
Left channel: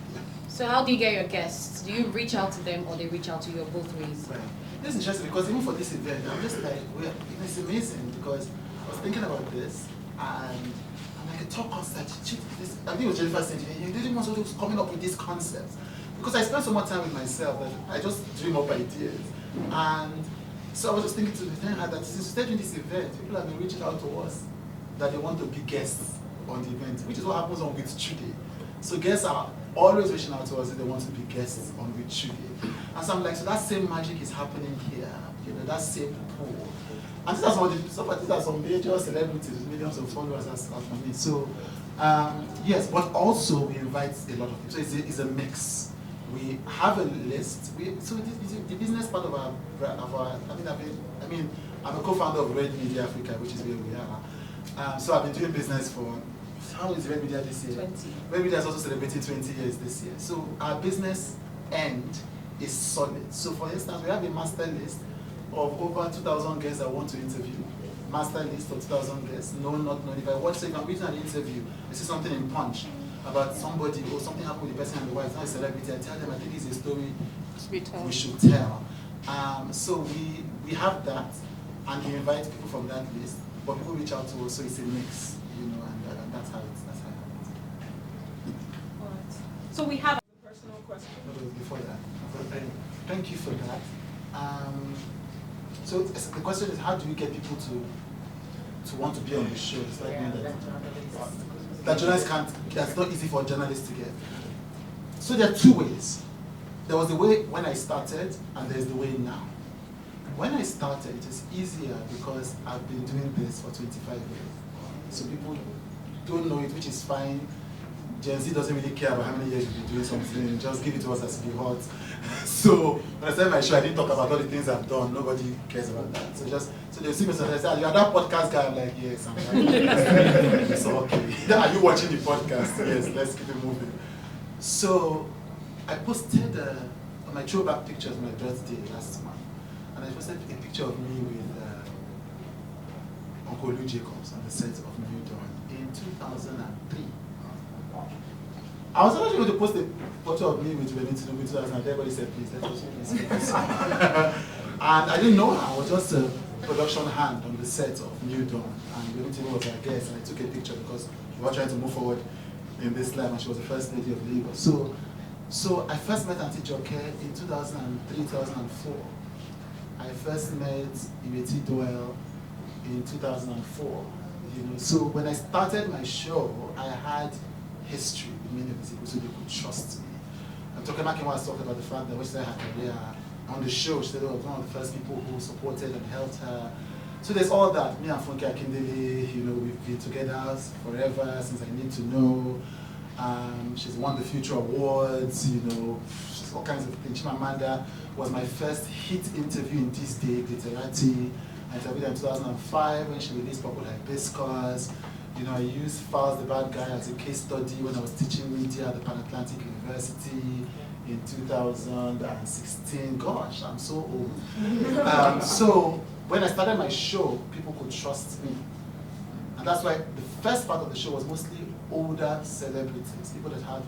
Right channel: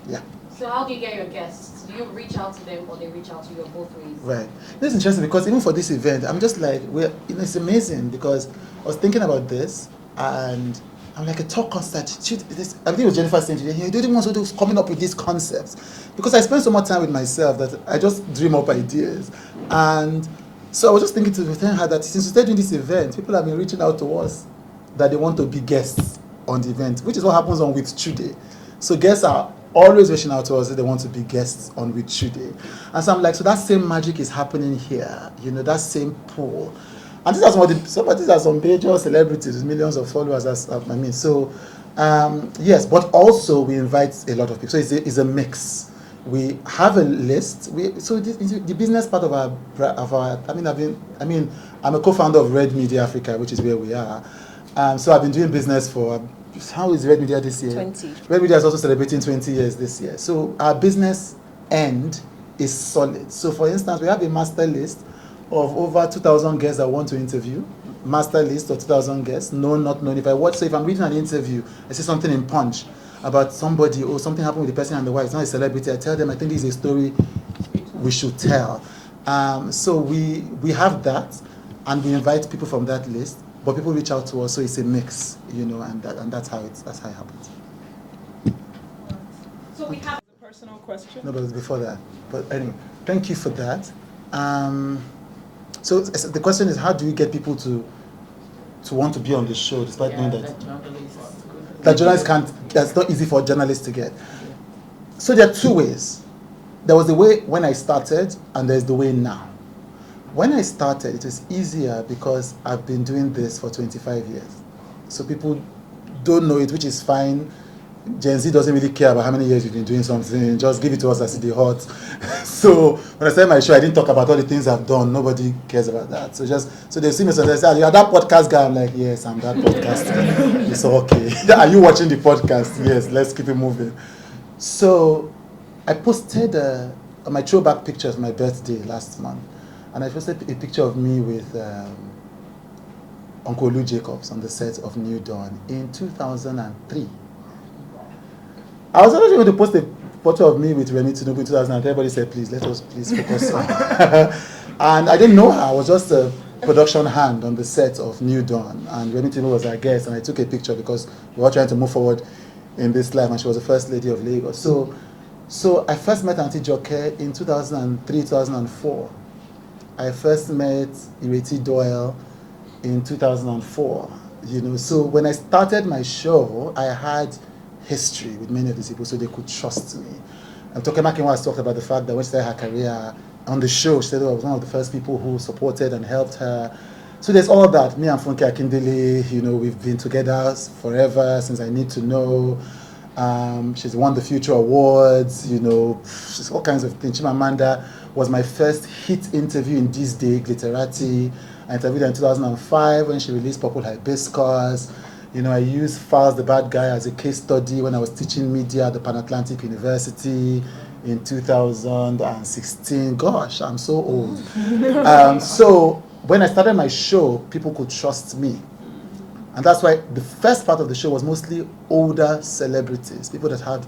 Yeah. So how do you get your guests? Do you reach out to them or they reach out to you, both ways? Right. This is interesting because even for this event, I'm just like, it's amazing because I was thinking about this and I'm like, a talk concert. I think it was Jennifer saying today, you don't want to coming up with these concepts. Because I spend so much time with myself that I just dream up ideas. And so I was just thinking to tell her that since we started doing this event, people have been reaching out to us that they want to be guests on the event, which is what happens on With Chude. So guests are always reaching out to us if they want to be guests on with Chude. And so I'm like, so that same magic is happening here, you know, that same pool. And these are some major celebrities with millions of followers. Yes, but also we invite a lot of people. So it's a mix. We have a list. The business part of our. I'm a co-founder of Red Media Africa, which is where we are. So I've been doing business for. How is Red Media this year? 20. Red Media is also celebrating 20 years this year. So our business end is solid. So for instance, we have a master list of over 2,000 guests that want to interview. Master list of 2,000 guests, known, not known. If I'm reading an interview, I see something in Punch about somebody or something happened with the person and the wife, it's not a celebrity, I tell them, I think this is a story we should tell. So we have that, and we invite people from that list, but people reach out to us, so it's a mix, you know, and that's how it happens. So we have a personal question. No, but before that. But anyway, thank you for that. So the question is, how do you get people to want to be on the show, despite knowing that journalists can't? That's not easy for journalists to get. So there are two ways. There was the way when I started, and there's the way now. When I started, it was easier because I've been doing this for 25 years. So people don't know it, which is fine. Gen Z doesn't really care about how many years you've been doing something, just give it to us as it hot. So when I started my show, I didn't talk about all the things I've done. Nobody cares about that. So they see me and they say, you're that podcast guy. I'm like, yes, I'm that podcast guy. It's okay. Are you watching the podcast? Yes, let's keep it moving. So I posted on my throwback pictures, my birthday last month, and I posted a picture of me with Uncle Lou Jacobs on the set of New Dawn in 2003. I was actually going to post a photo of me with Remy Tinubu in 2003. Everybody said, please focus on. And I didn't know her. I was just a production hand on the set of New Dawn. And Remy Tinubu was our guest, and I took a picture because we were trying to move forward in this life, and she was the first lady of Lagos. So I first met Auntie Joke in 2003, 2004. I first met Ireti Doyle in 2004. You know, so when I started my show, I had history with many of these people, so they could trust me. And Toke Makinwa talked about the fact that when she started her career on the show, she said I was one of the first people who supported and helped her. So there's all that. Me and Funke Akindele, you know, we've been together forever since I Need to Know. She's won the Future Awards, you know, she's all kinds of things. Chimamanda was my first hit interview in This Day, Glitterati. I interviewed her in 2005 when she released Purple Hibiscus. You know, I used Fowles the Bad Guy as a case study when I was teaching media at the Pan-Atlantic University in 2016. Gosh, I'm so old. So when I started my show, people could trust me. And that's why the first part of the show was mostly older celebrities, people that had.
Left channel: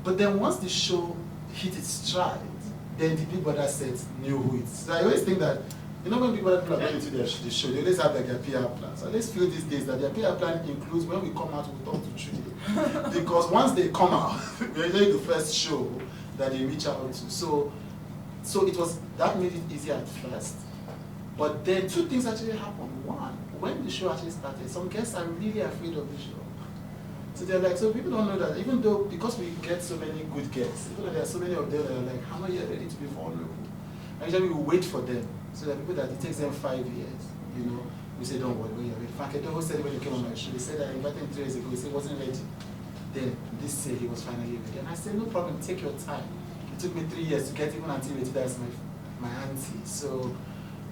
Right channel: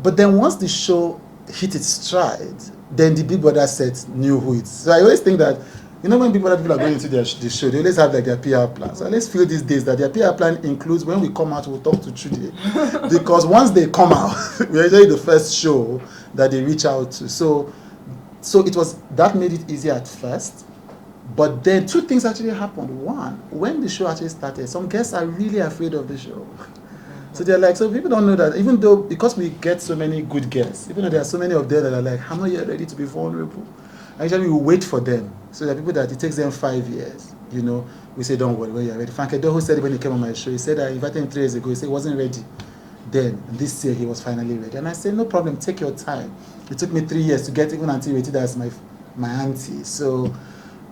But then once the show hit its stride, then the Big Brother set knew who it is. So I always think that, you know, when people are going into the show, they always have like their PR plan. So I always feel these days that their PR plan includes when we come out, we'll talk to Chude. Because once they come out, we're usually the first show that they reach out to. So it was, that made it easier at first. But then two things actually happened. One, when the show actually started, some guests are really afraid of the show. So they're like, so people don't know that, even though, because we get so many good guests, even though there are so many of them that are like, I'm not yet ready to be vulnerable. Actually, we wait for them. So there are people that it takes them 5 years, you know. We say, don't worry, when you're ready. Frank Edo, who said it when he came on my show, he said I invited him 3 years ago, he said he wasn't ready. Then, this year, he was finally ready. And I said, no problem, take your time. It took me 3 years to get even Auntie Reti, that's my auntie. So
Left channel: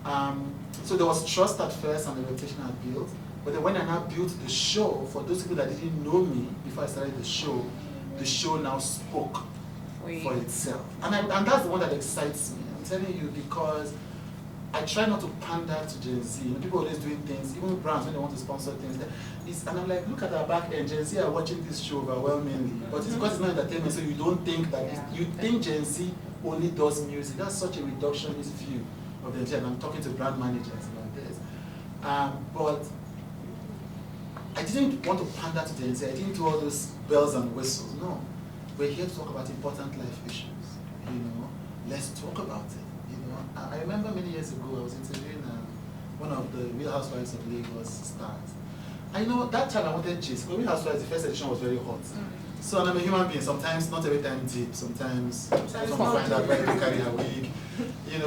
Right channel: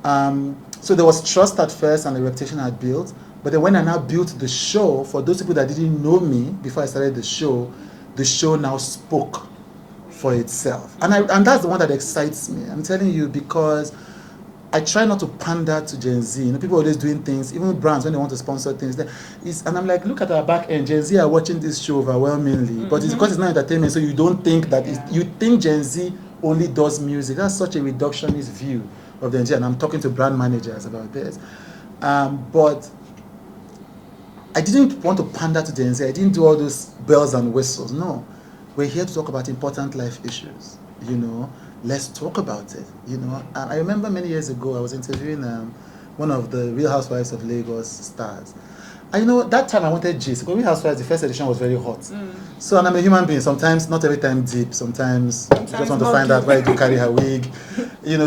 there was trust at first and the reputation I built. But then when I now built the show, for those people that didn't know me before I started the show now spoke for itself. And that's the one that excites me. I'm telling you, because I try not to pander to Gen Z. You know, people are always doing things, even brands when they want to sponsor things. And I'm like, look at our back end. Gen Z are watching this show overwhelmingly. But it's because it's not entertainment, so you don't think that you think Gen Z only does music. That's such a reductionist view of Gen Z, and I'm talking to brand managers about this. But I didn't want to pander to Gen Z. I didn't do all those bells and whistles. No. We're here to talk about important life issues, you know. Let's talk about it, you know. And I remember many years ago, I was interviewing one of the Real Housewives of Lagos stars. And that time I wanted gist. Because Real Housewives, the first edition was very hot. So, and I'm a human being. Sometimes, not every time deep. Sometimes I just want to find out why you carry her wig.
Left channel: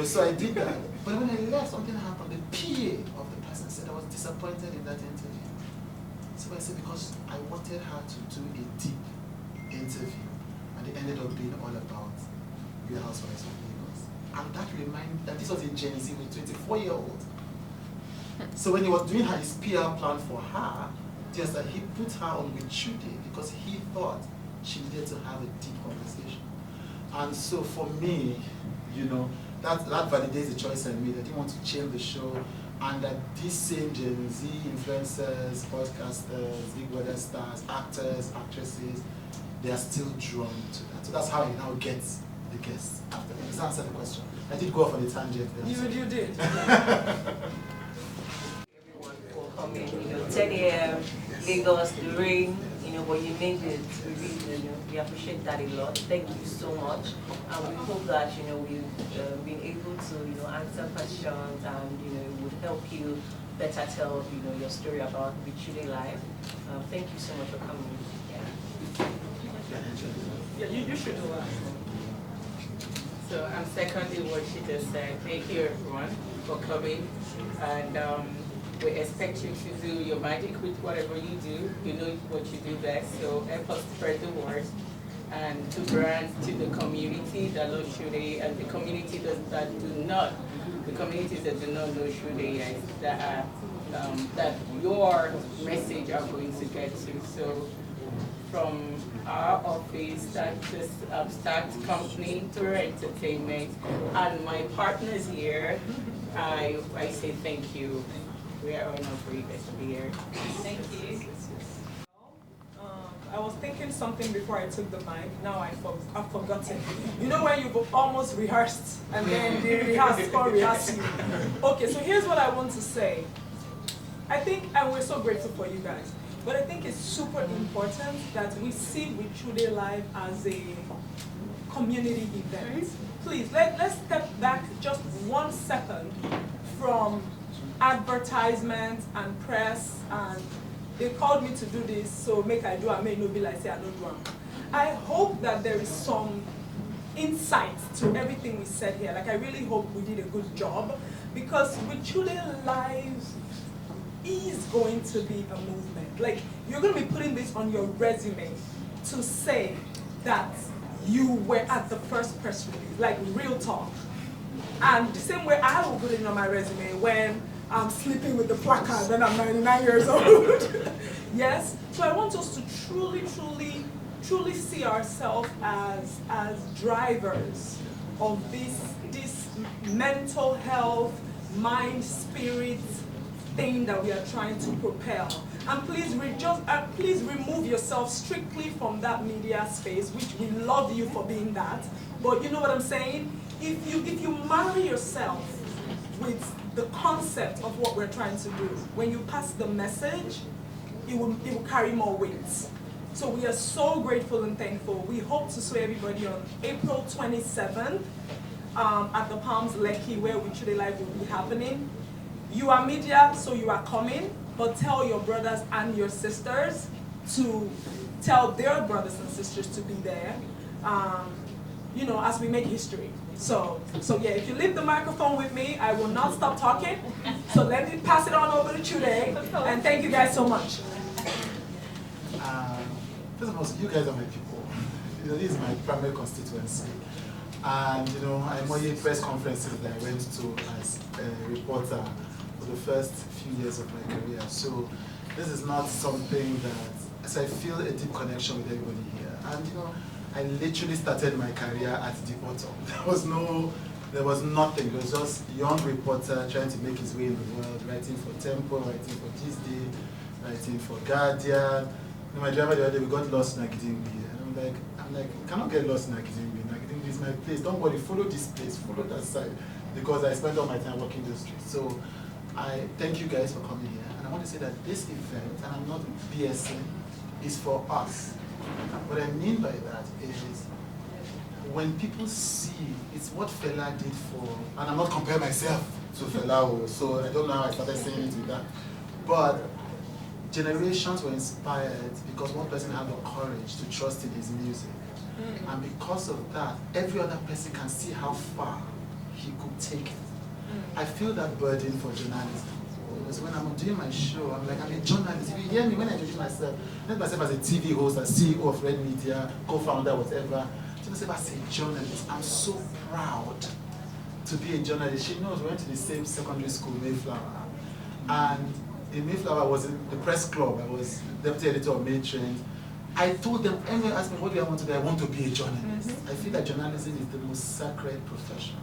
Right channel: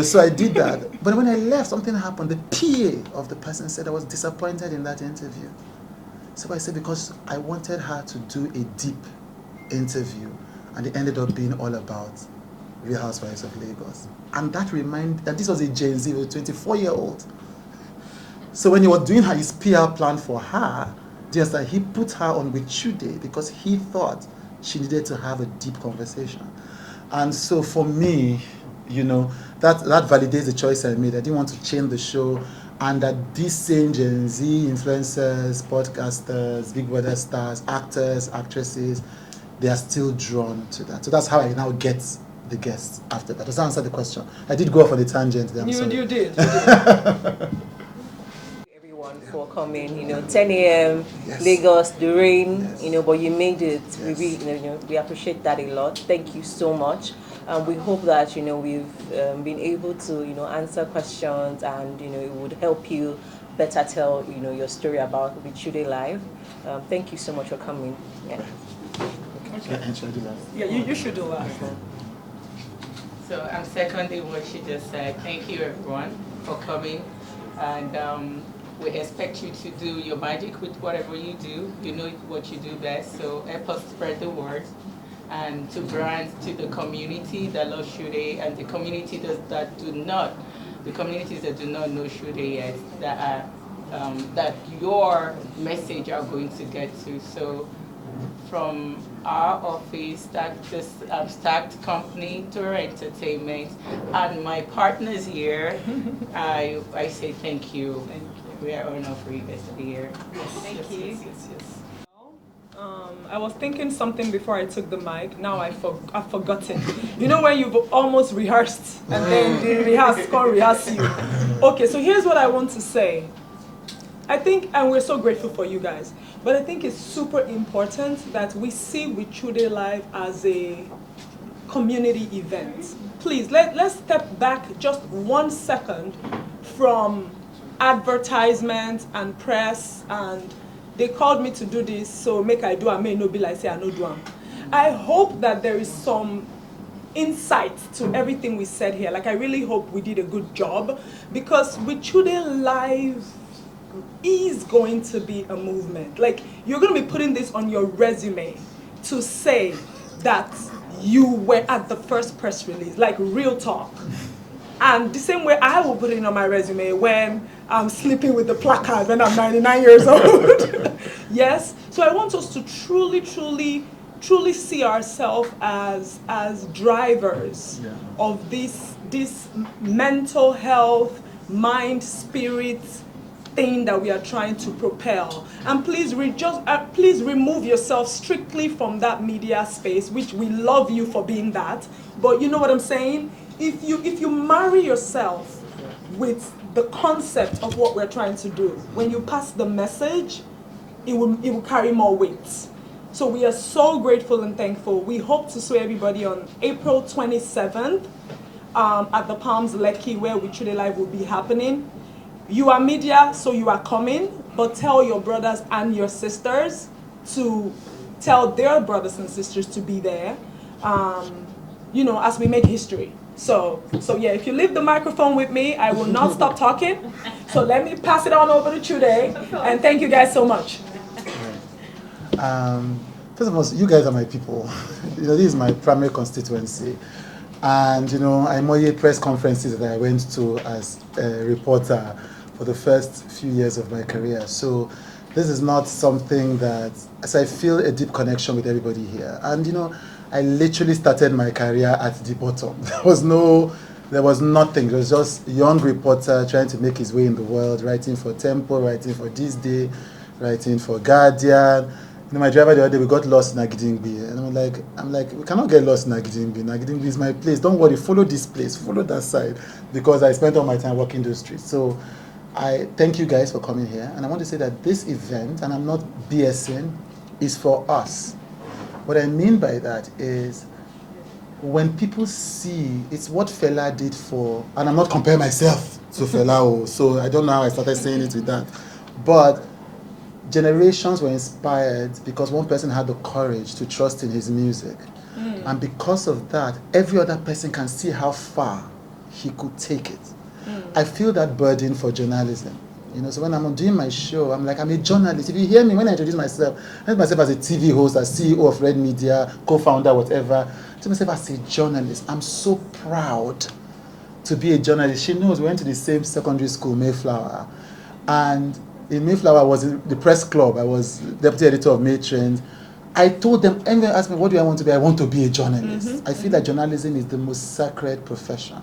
So I did that. But when I left, something happened. The PA of the person said I was disappointed in that interview. So I said, because I wanted her to do a deep interview. And it ended up being all about Real Housewives of Lagos. And that this was a Gen Z, a 24-year-old. So when he was doing his PR plan for her, just like he put her on with Chude because he thought she needed to have a deep conversation. And so for me, that validates the choice I made. I didn't want to change the show, and that these same Gen Z influencers, podcasters, Big Brother stars, actors, actresses, they are still drawn to that. So that's how I now get the guests after that. Does that answer the question? I did go off on a tangent there. You did. For coming, 10 a.m. Yes. Lagos, the rain, but you made it. Yes. We appreciate that a lot. Thank you so much. We hope that we've been able to answer questions, and it would help you better tell your story about Chude Live. Thank you so much for coming. Yeah. Yeah, you should do that. So I'm seconding what she just said. Thank you everyone for coming, and we expect you to do your magic with whatever you do. You know what you do best, so help us spread the word. And to brands, to the community that love Chude, and the community that do not know Chude yet, that your message are going to get to. So from our office, that's just Stacked Company, Tour Entertainment, and my partners here, I say thank you. We are honored for you guys to be here. Thank you. I was thinking something before I took the mic. Now I've forgotten. When you've almost rehearsed and then the rehearse you. Okay, so here's what I want to say. I think, and we're so grateful for you guys, but I think it's super important that we see with Chude Live as a community event. Please, let's step back just 1 second from advertisement and press, and they called me to do this, so make I do, I may not be like say I no do am. I hope that there is some insight to everything we said here. Like, I really hope we did a good job, because with Chude Live is going to be a movement. Like, you're going to be putting this on your resume to say that you were at the first press release, like real talk. And the same way I will put it on my resume when I'm sleeping with the placard when I'm 99 years old. Yes? So I want us to truly see ourselves as drivers of this mental health, mind, spirit thing that we are trying to propel. And please please remove yourself strictly from that media space, which we love you for being that. But you know what I'm saying? If you marry yourself with the concept of what we're trying to do, when you pass the message, it will carry more weight. So we are so grateful and thankful. We hope to see everybody on April 27th at the Palms Lekki, where Chude Live will be happening. You are media, so you are coming, but tell your brothers and your sisters to tell their brothers and sisters to be there, as we make history. So yeah, if you leave the microphone with me, I will not stop talking. So let me pass it on over to Chude, and thank you guys so much. First of all, you guys are my people. This is my primary constituency. And I'm all press conferences that I went to as a reporter for the first few years of my career. So this is not something that, as I feel a deep connection with everybody here. And I literally started my career at the bottom. There was nothing. It was just a young reporter trying to make his way in the world, writing for Tempo, writing for This Day, writing for Guardian. My driver the other day, we got lost in Agidingbi. And I'm like, we cannot get lost in Agidingbi. Agidingbi is my place. Don't worry, follow this place, follow that side. Because I spent all my time walking those streets. So I thank you guys for coming here. And I want to say that this event, and I'm not BSing, is for us. What I mean by that is, when people see, it's what Fela did for, and I'm not comparing myself to Fela, so I don't know how I started saying it with that, but generations were inspired because one person had the courage to trust in his music. And because of that, every other person can see how far he could take it. I feel that burden for journalism. You know, so when I'm doing my show, I'm like, I'm a journalist. If you hear me, when I introduce myself, I introduce myself as a TV host, as CEO of Red Media, co-founder, whatever. I introduce myself as a journalist. I'm so proud to be a journalist. She knows we went to the same secondary school, Mayflower. And in Mayflower, I was in the press club. I was deputy editor of May Trends. I told them, everyone asked me, what do I want to be? I want to be a journalist. I feel that journalism is the most sacred profession.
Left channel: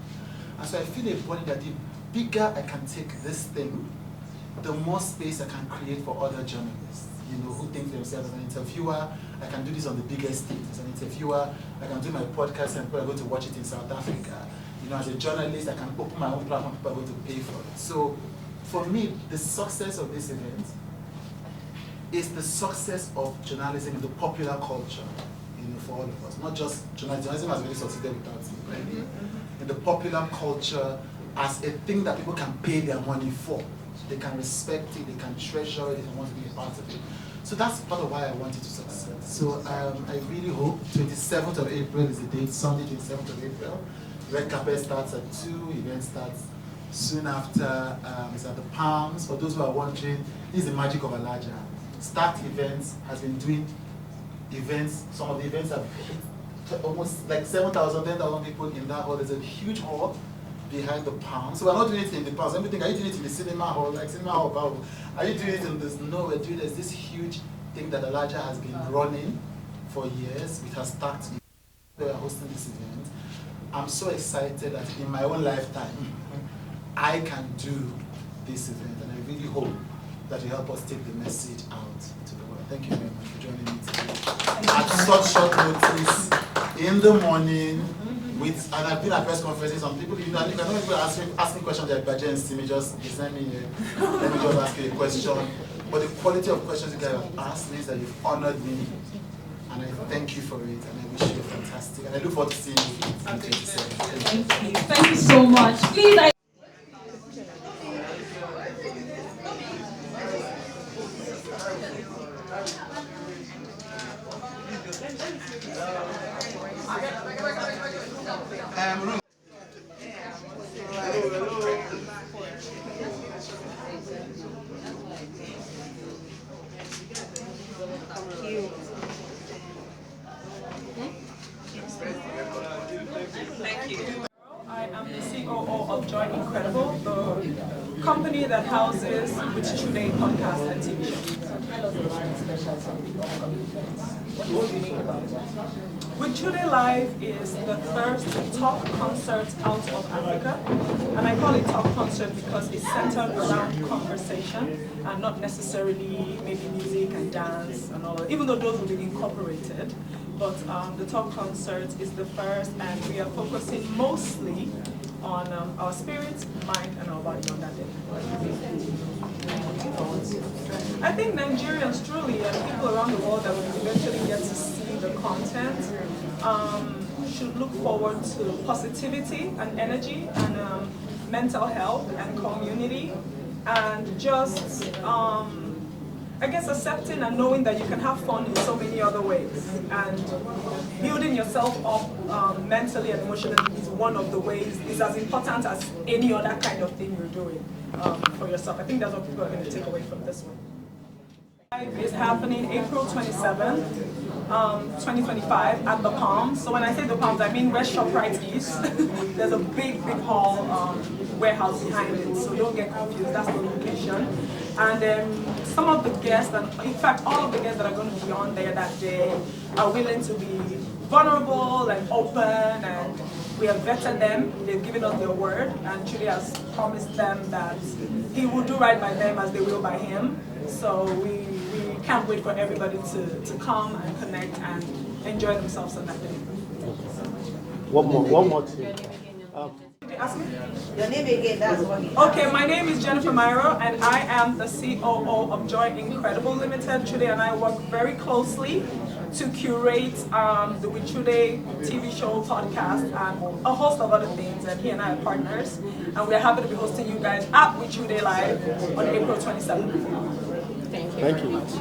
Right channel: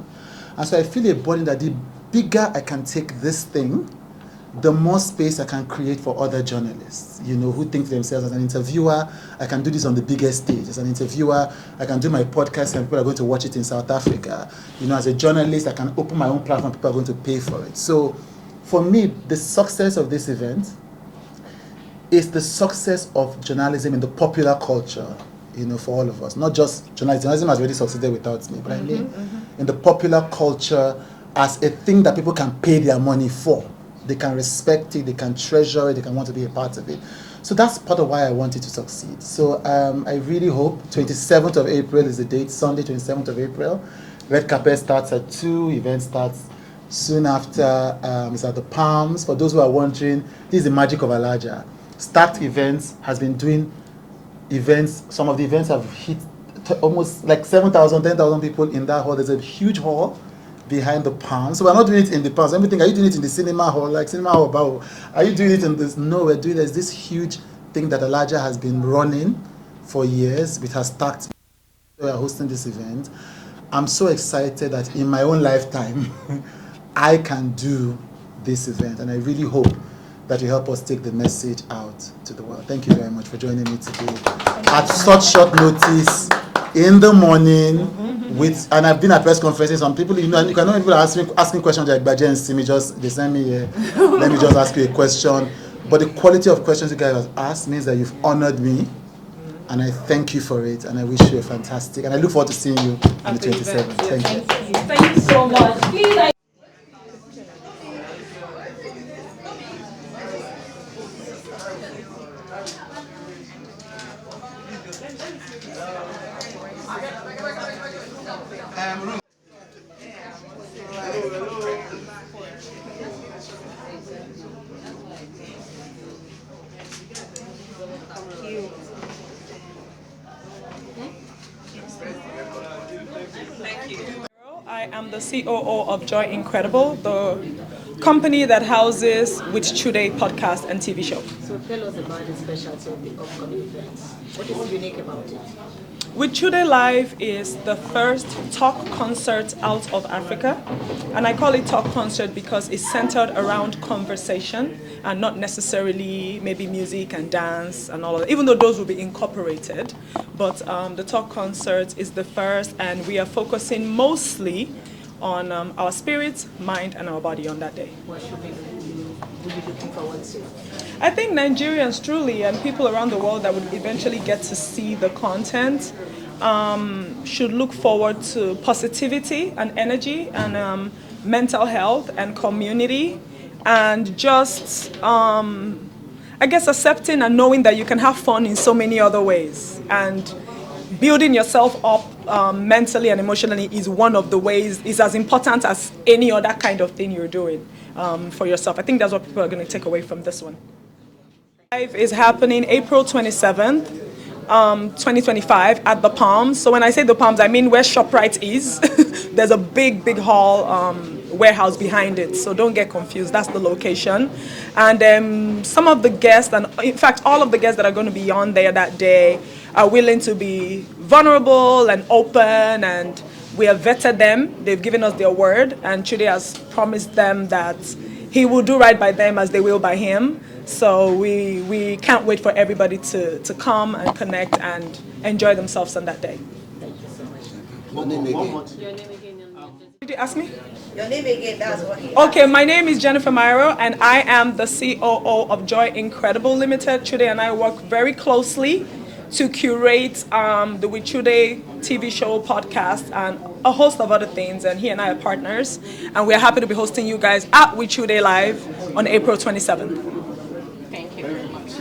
And so I feel a burden that the bigger I can take this thing, the more space I can create for other journalists, you know, who think for themselves. As an interviewer, I can do this on the biggest stage. As an interviewer, I can do my podcast and people are going to watch it in South Africa. You know, as a journalist, I can open my own platform, people are going to pay for it. So for me, the success of this event is the success of journalism in the popular culture, you know, for all of us. Not just journalism. Journalism has already succeeded without me, but I mean in the popular culture as a thing that people can pay their money for. They can respect it, they can treasure it, they can want to be a part of it. So that's part of why I want it to succeed. So I really hope 27th of April is the date, Sunday 27th of April. Red carpet starts at 2, event starts soon after. It's at the Palms. For those who are wondering, this is the magic of Alaja. Stacked Events has been doing events. Some of the events have hit almost like 7,000, 10,000 people in that hall. There's a huge hall behind the Palms. So we're not doing it in the Palms. Everything, are you doing it in the cinema hall? Like cinema hall, Bao? Are you doing it in this? No, we're doing this huge thing that Alaja has been running for years with her stacked. We are hosting this event. I'm so excited that in my own lifetime, I can do this event. And I really hope that you help us take the message out to the world. Thank you very much for joining me today. At such short notice, in the morning, and I've been at press conferences, some people, you know, people are asking questions like Baje and Simi, they send me here, let me just ask you a question. But the quality of questions you guys have asked means that you've honored me, and I thank you for it, and I wish you a fantastic, and I look forward to seeing you on the 27th. Thank you. Thank you so much. Please, I am the COO of Joy Incredible, the company that houses Which Today podcast and TV show. So tell us about the specialty of the upcoming events. What is unique about it? With Today Live is the first talk concert out of Africa. And I call it talk concert because it's centered around conversation and not necessarily maybe music and dance and all of that, even though those will be incorporated. But the talk concert is the first, and we are focusing mostly on our spirit, mind, and our body on that day. I think Nigerians truly and people around the world that will eventually get to see the content should look forward to positivity and energy and mental health and community and just, I guess, accepting and knowing that you can have fun in so many other ways. And building yourself up mentally and emotionally is one of the ways, is as important as any other kind of thing you're doing for yourself. I think that's what people are going to take away from this one. Live is happening April 27th, 2025 at the Palms. So when I say the Palms, I mean where ShopRite is. There's a big, big hall warehouse behind it, so don't get confused. That's the location. And some of the guests, and in fact all of the guests that are going to be on there that day are willing to be vulnerable and open, and we have vetted them. They've given us their word, and Chude has promised them that he will do right by them as they will by him. So we can't wait for everybody to come and connect and enjoy themselves on that day. Thank you so much. One more. your name again. Did you ask me? Your name again, that's what he Okay, my name is Jennifer Myro, and I am the COO of Joy Incredible Limited. Chude and I work very closely to curate the Wichude TV show, podcast, and a host of other things. And he and I are partners, and we're happy to be hosting you guys at Wichude Live on April 27th. Thank you. very much.